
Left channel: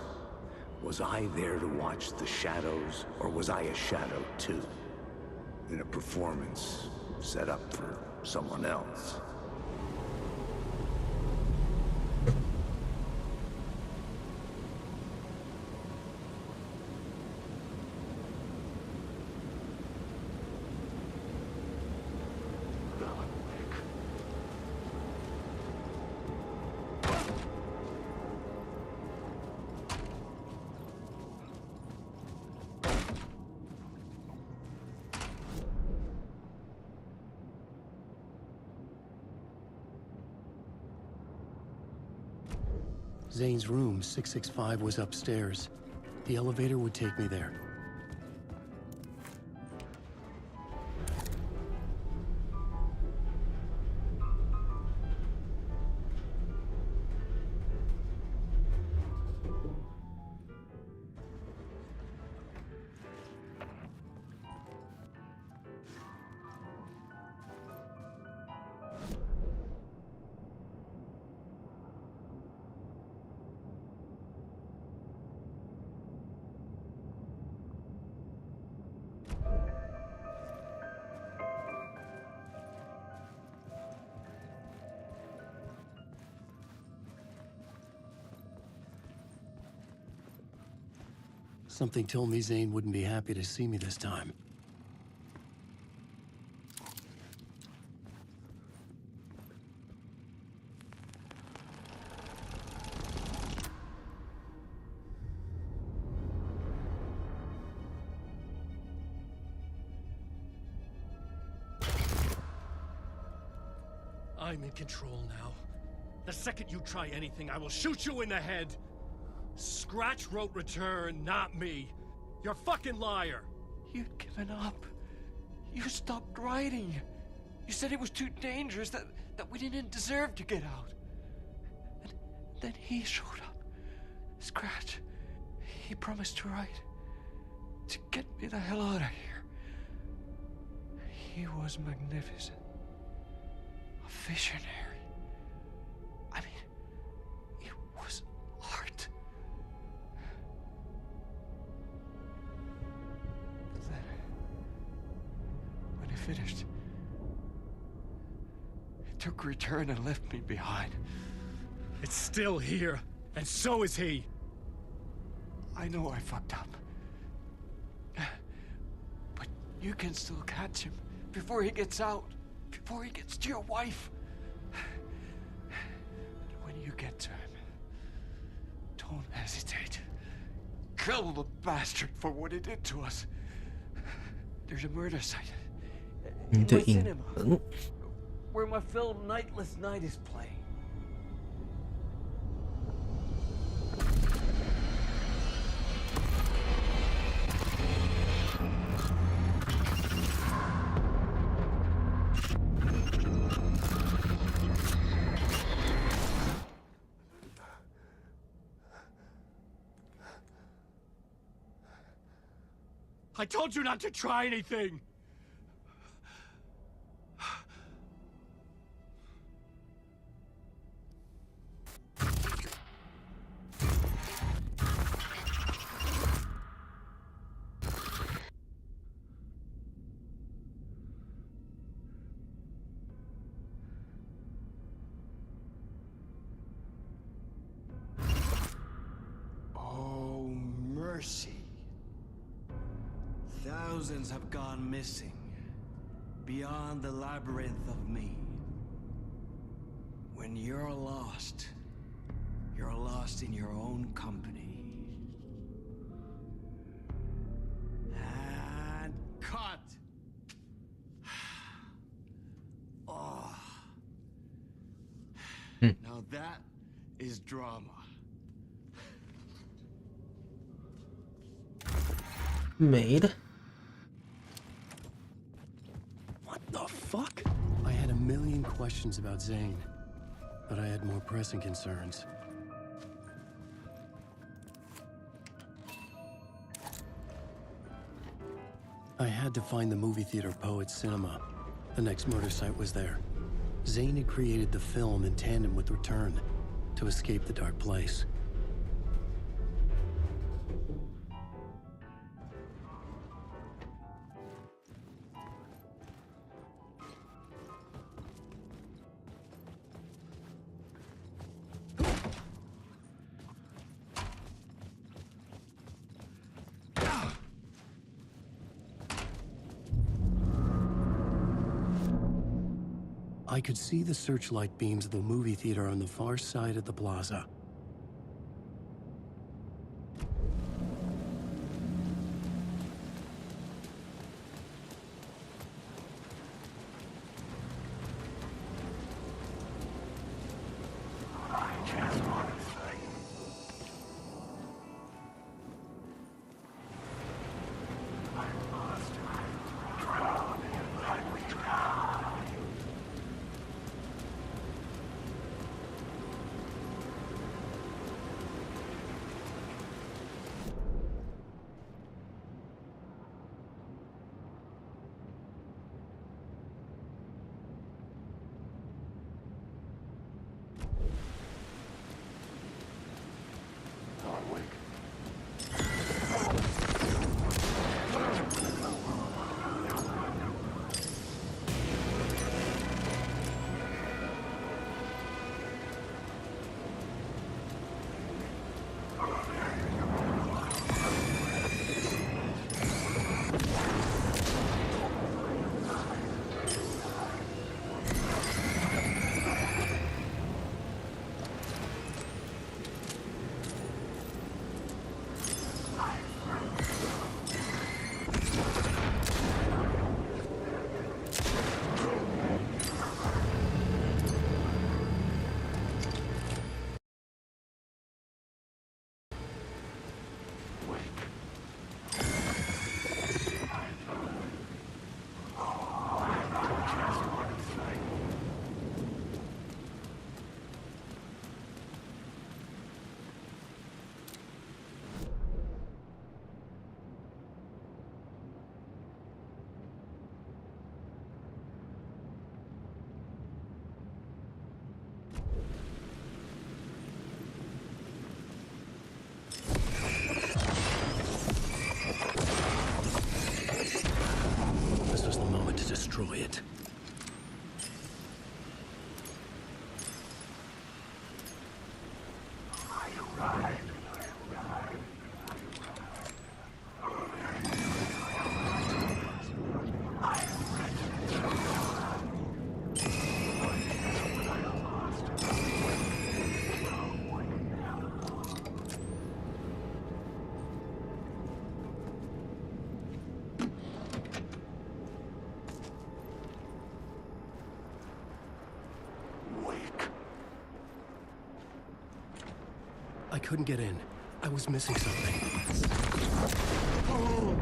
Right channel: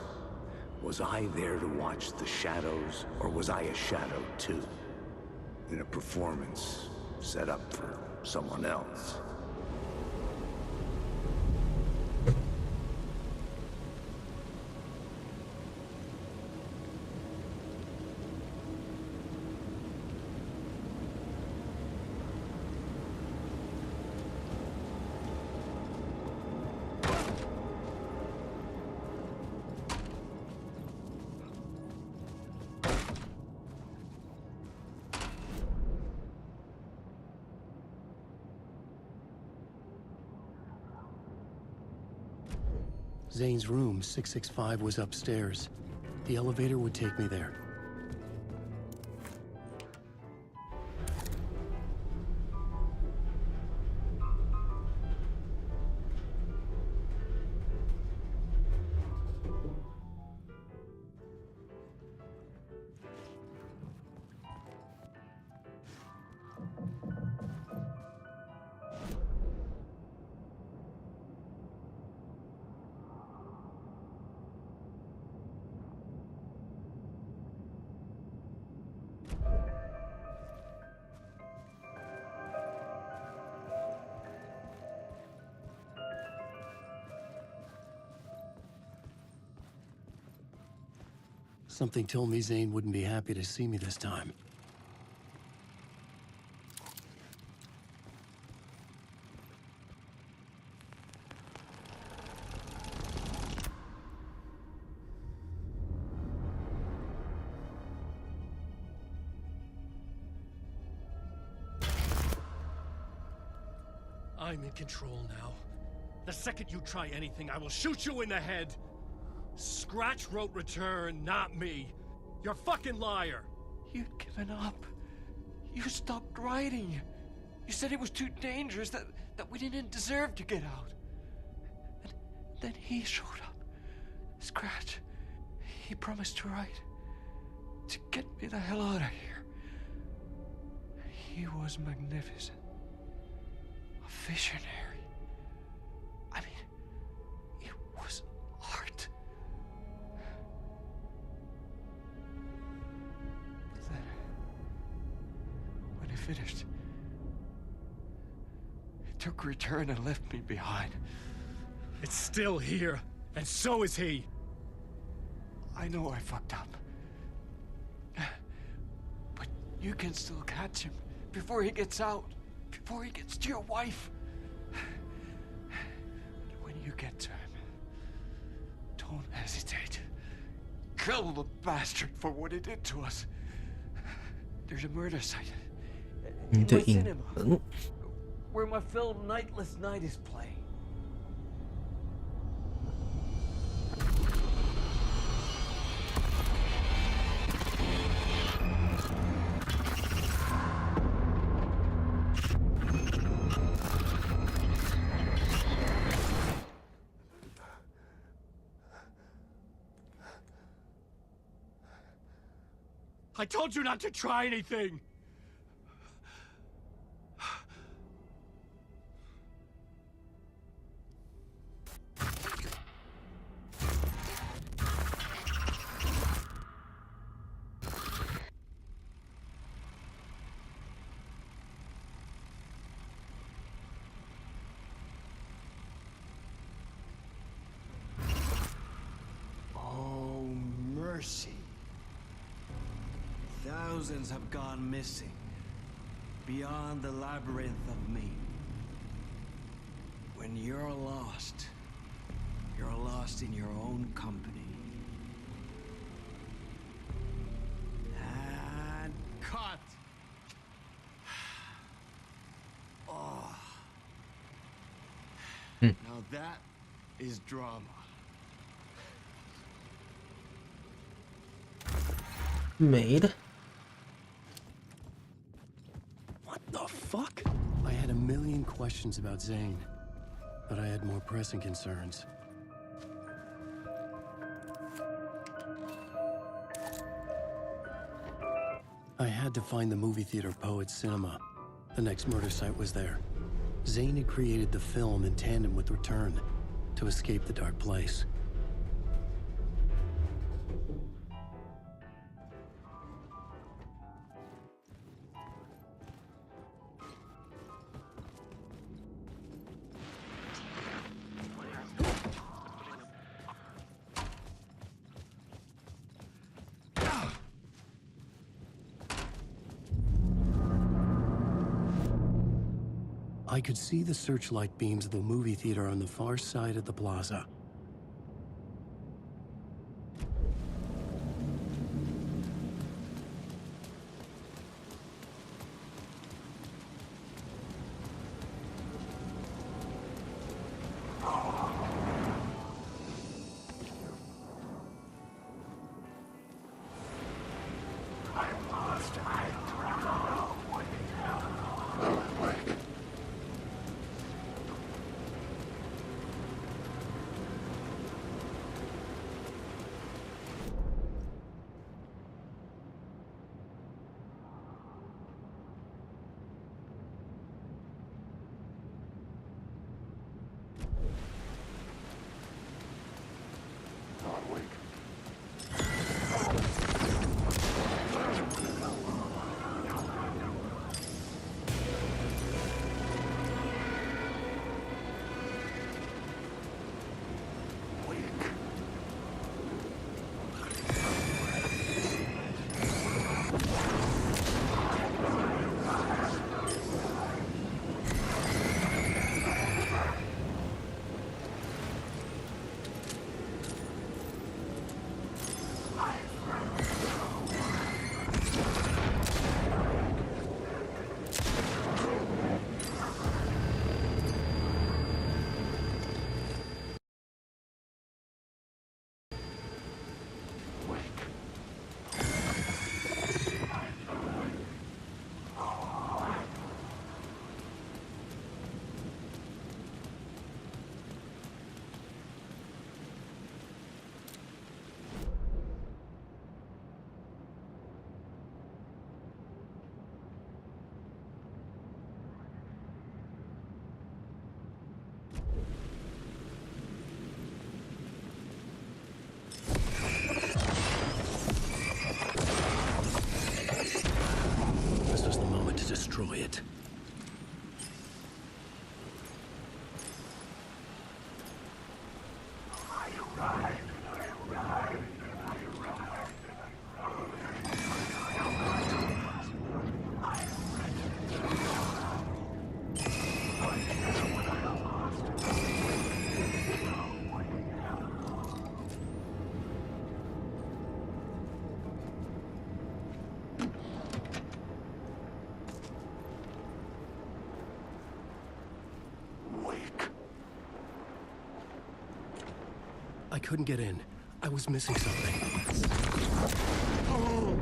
Was I there to watch the shadows, or was I a shadow too? In a performance set up for someone else. Zane's room, 665, was upstairs. The elevator would take me there. Something told me Zane wouldn't be happy to see me this time. I'm in control now. The second you try anything, I will shoot you in the head. Scratch wrote return, not me. You're a fucking liar. You'd given up. You stopped writing. You said it was too dangerous, that we didn't deserve to get out. And then he showed up. Scratch. He promised to write. To get me the hell out of here. He was magnificent. A visionary. I mean, it was art. Then, when he finished, he took return and left me behind. It's still here, and so is he. I know I fucked up. But you can still catch him before he gets out, before he gets to your wife. And when you get to him, don't hesitate. Kill the bastard for what he did to us. There's a murder site in my cinema where my film Nightless Night is playing. I told you not to try anything! Oh, mercy. Thousands have gone missing, beyond the labyrinth of me. When you're lost in your own company. And cut! Oh. Now that is drama. Made. What the fuck? I had a million questions about Zane, but I had more pressing concerns. I had to find the movie theater Poet's Cinema. The next murder site was there. Zane had created the film in tandem with Return to escape the dark place. I could see the searchlight beams of the movie theater on the far side of the plaza. destroy it. I couldn't get in. I was missing something. Oh.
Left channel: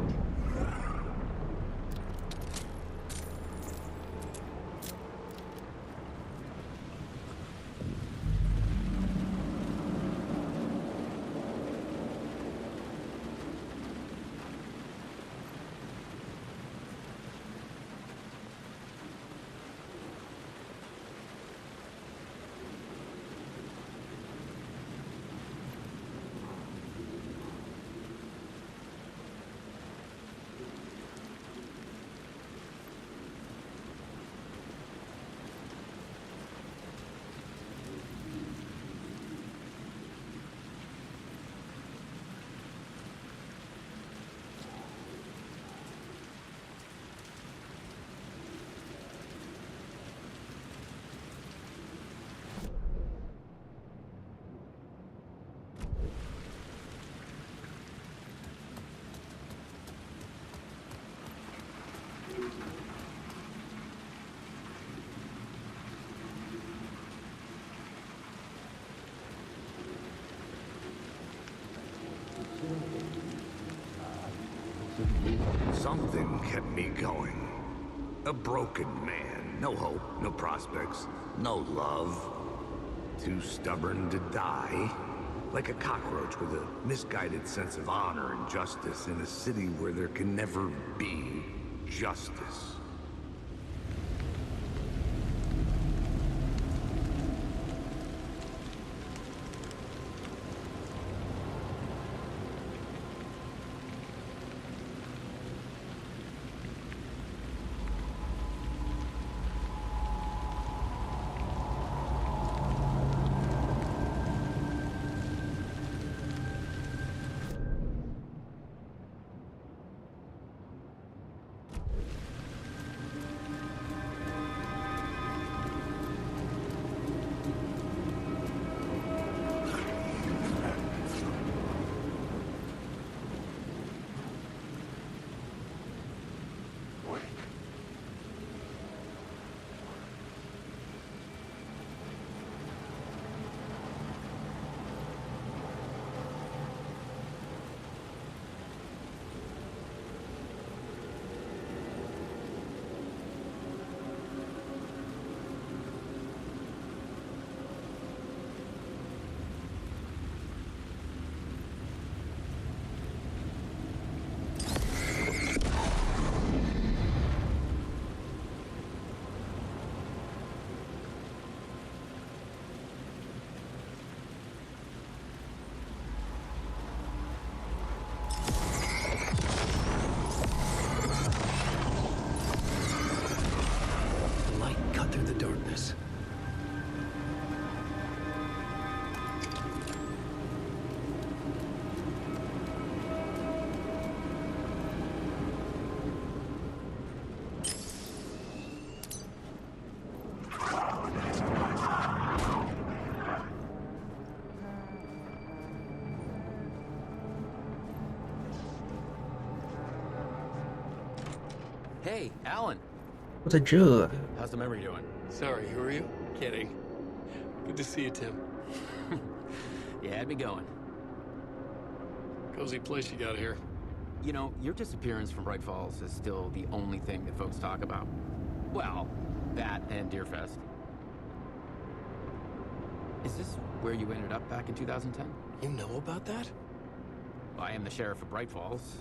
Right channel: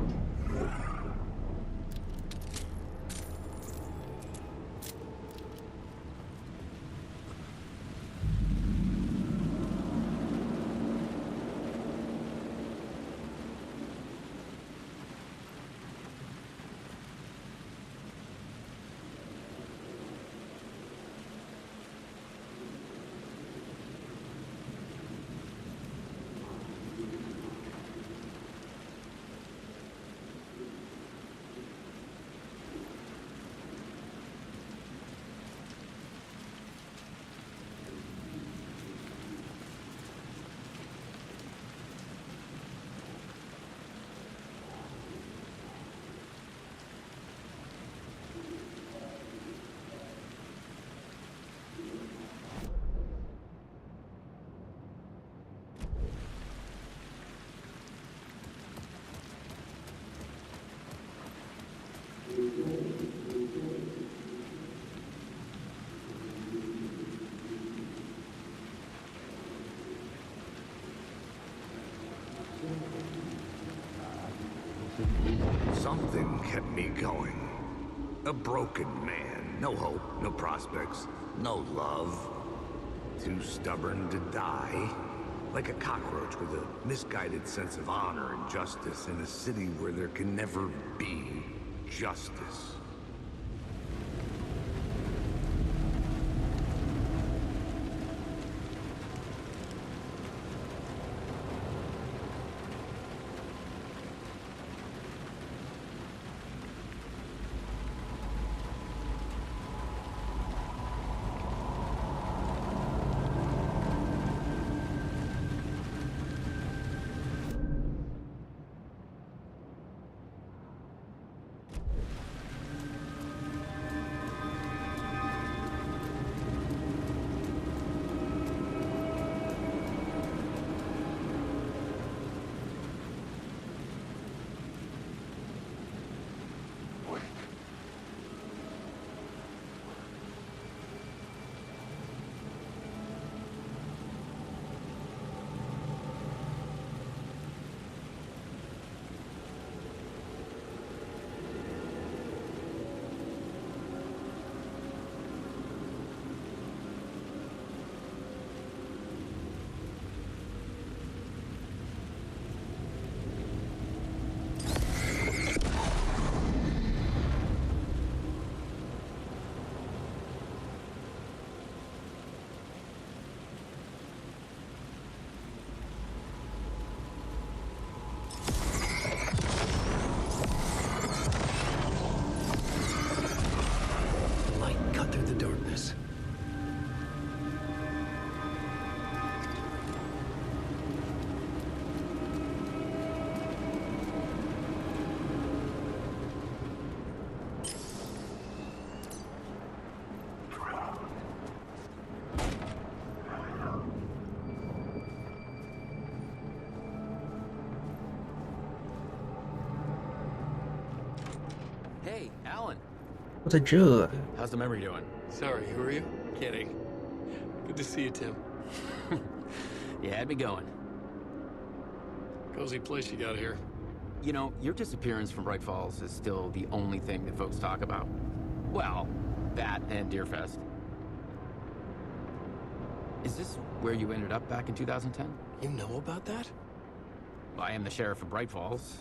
Something kept me going. A broken man. No hope, no prospects, no love. Too stubborn to die. Like a cockroach with a misguided sense of honor and justice in a city where there can never be justice. Darkness. Hey, Alan. 我在这。 How's the memory doing? Sorry, who are you? Kidding. Good to see you, Tim. You had me going. Cozy place you got here. You know, your disappearance from Bright Falls is still the only thing that folks talk about. Well, that and Deerfest. Is this where you ended up back in 2010? You know about that? I am the sheriff of Bright Falls.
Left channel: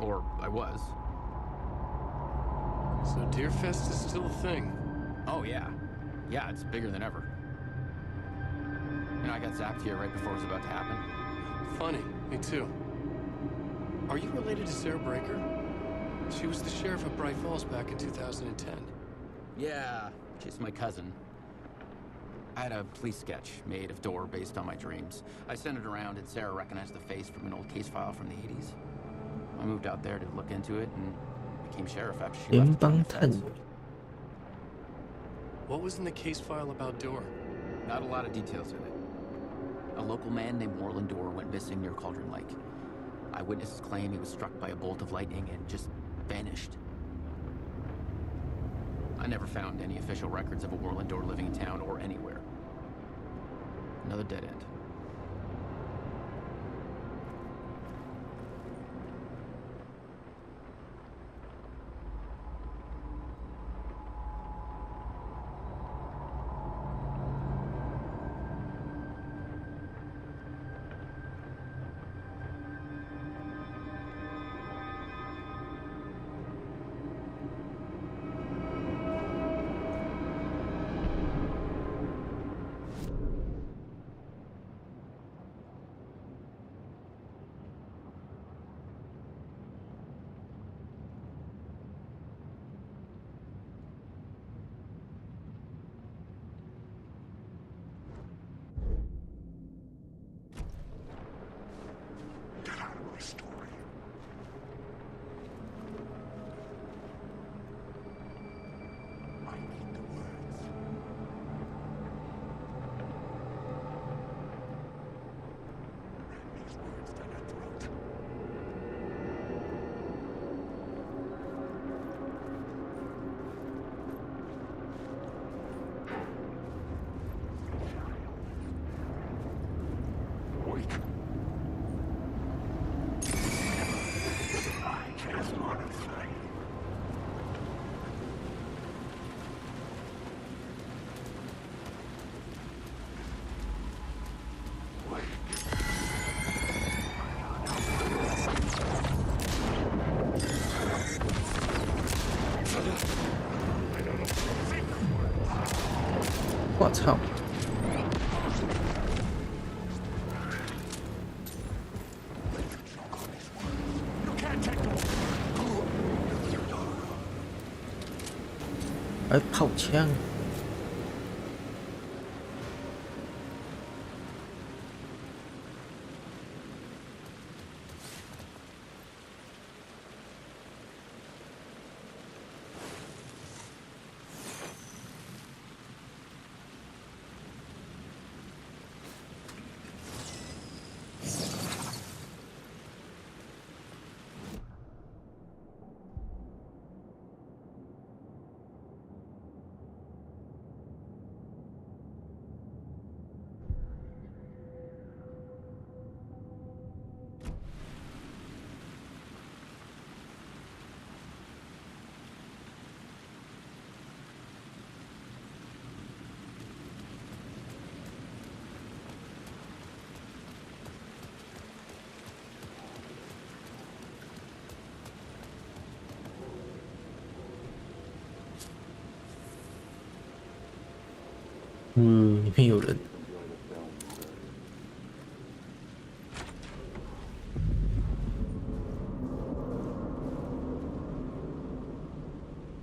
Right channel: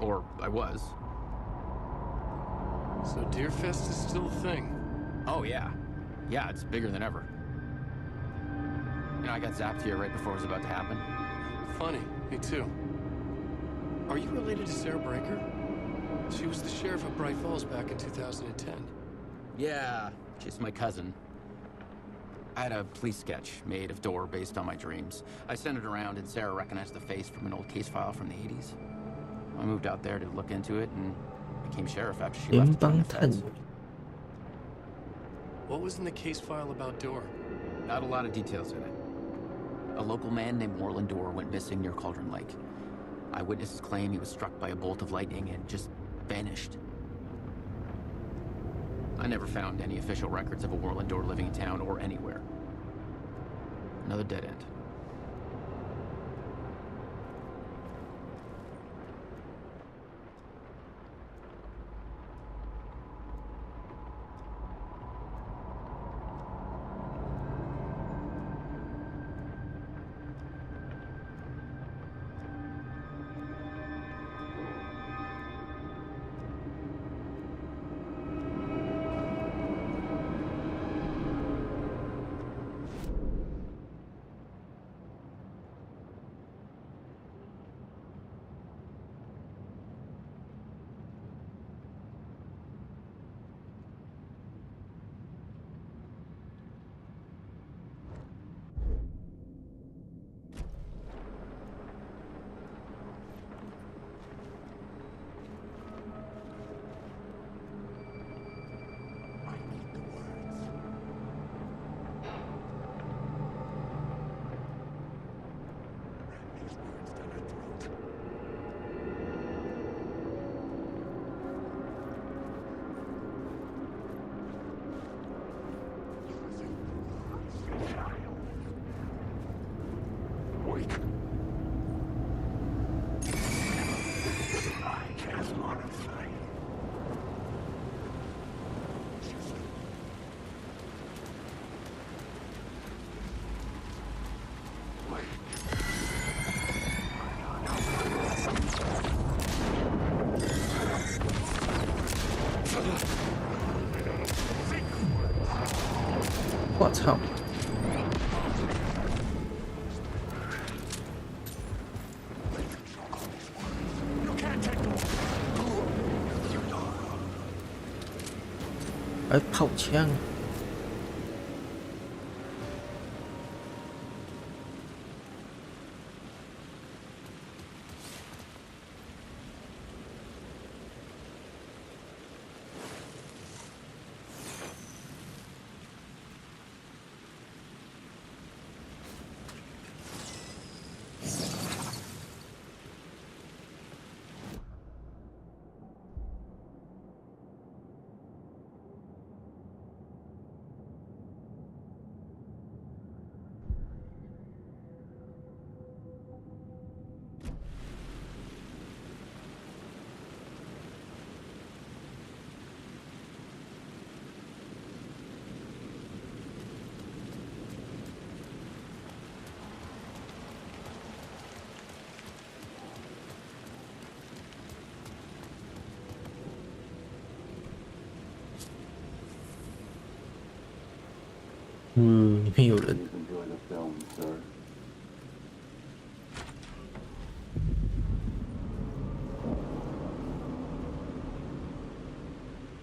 Or I was. So Deerfest is still a thing? Oh, yeah. Yeah, it's bigger than ever. You know, I got zapped here right before it was about to happen. Funny, me too. Are you related to Sarah Breaker? She was the sheriff of Bright Falls back in 2010. Yeah, she's my cousin. I had a police sketch made of Door based on my dreams. I sent it around and Sarah recognized the face from an old case file from the 80s. I moved out there to look into it and became sheriff after she left to join the feds. What was in the case file about Door? Not a lot of details in it. A local man named Moreland Door went missing near Cauldron Lake. Eyewitnesses claim he was struck by a bolt of lightning and just vanished. I never found any official records of a Moreland Door living in town or anywhere. Another dead end.我操！哎，炮枪！里面有人。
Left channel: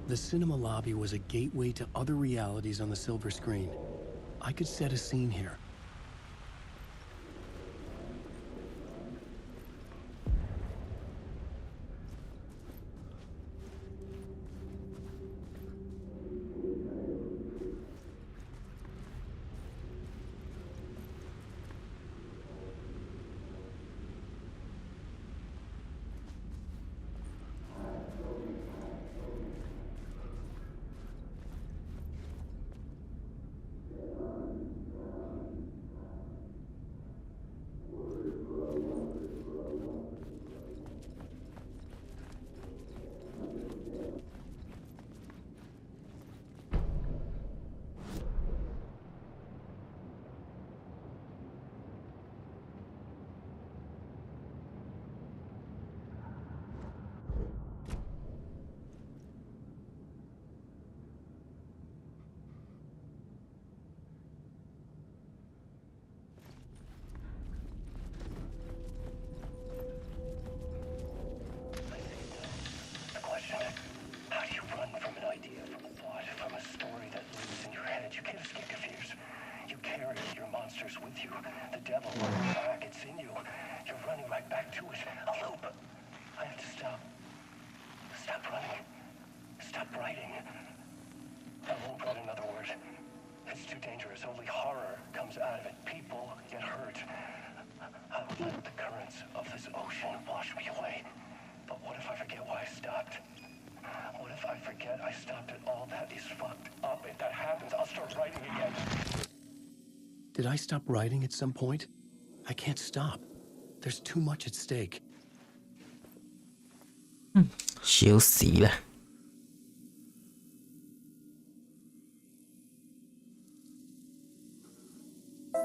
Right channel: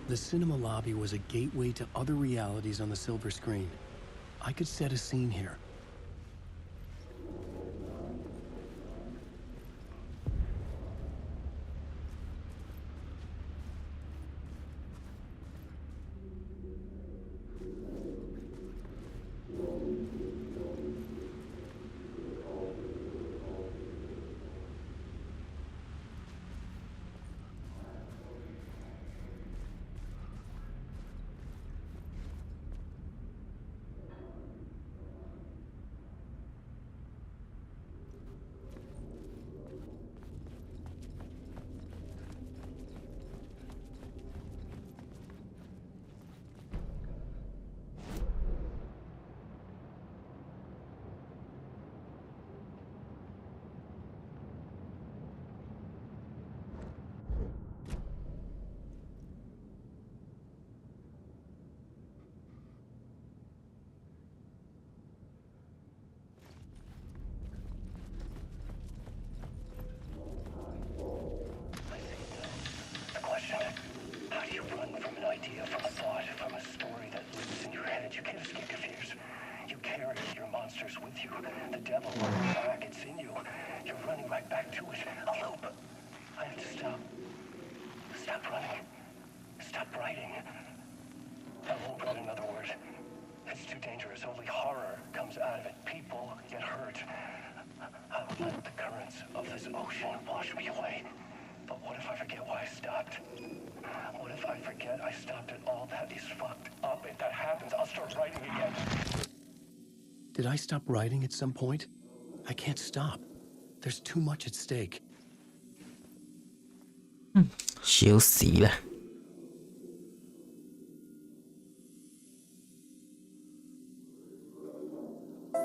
The cinema lobby was a gateway to other realities on the silver screen. I could set a scene here. monsters, only horror comes out of it. People get hurt. I would let the currents of this ocean wash me away. But what if I forget why I stopped? What if I forget I stopped at all that is fucked up? If that happens, I'll start writing again. Did I stop writing at some point? I can't stop. There's too much at stake. 笑死啦！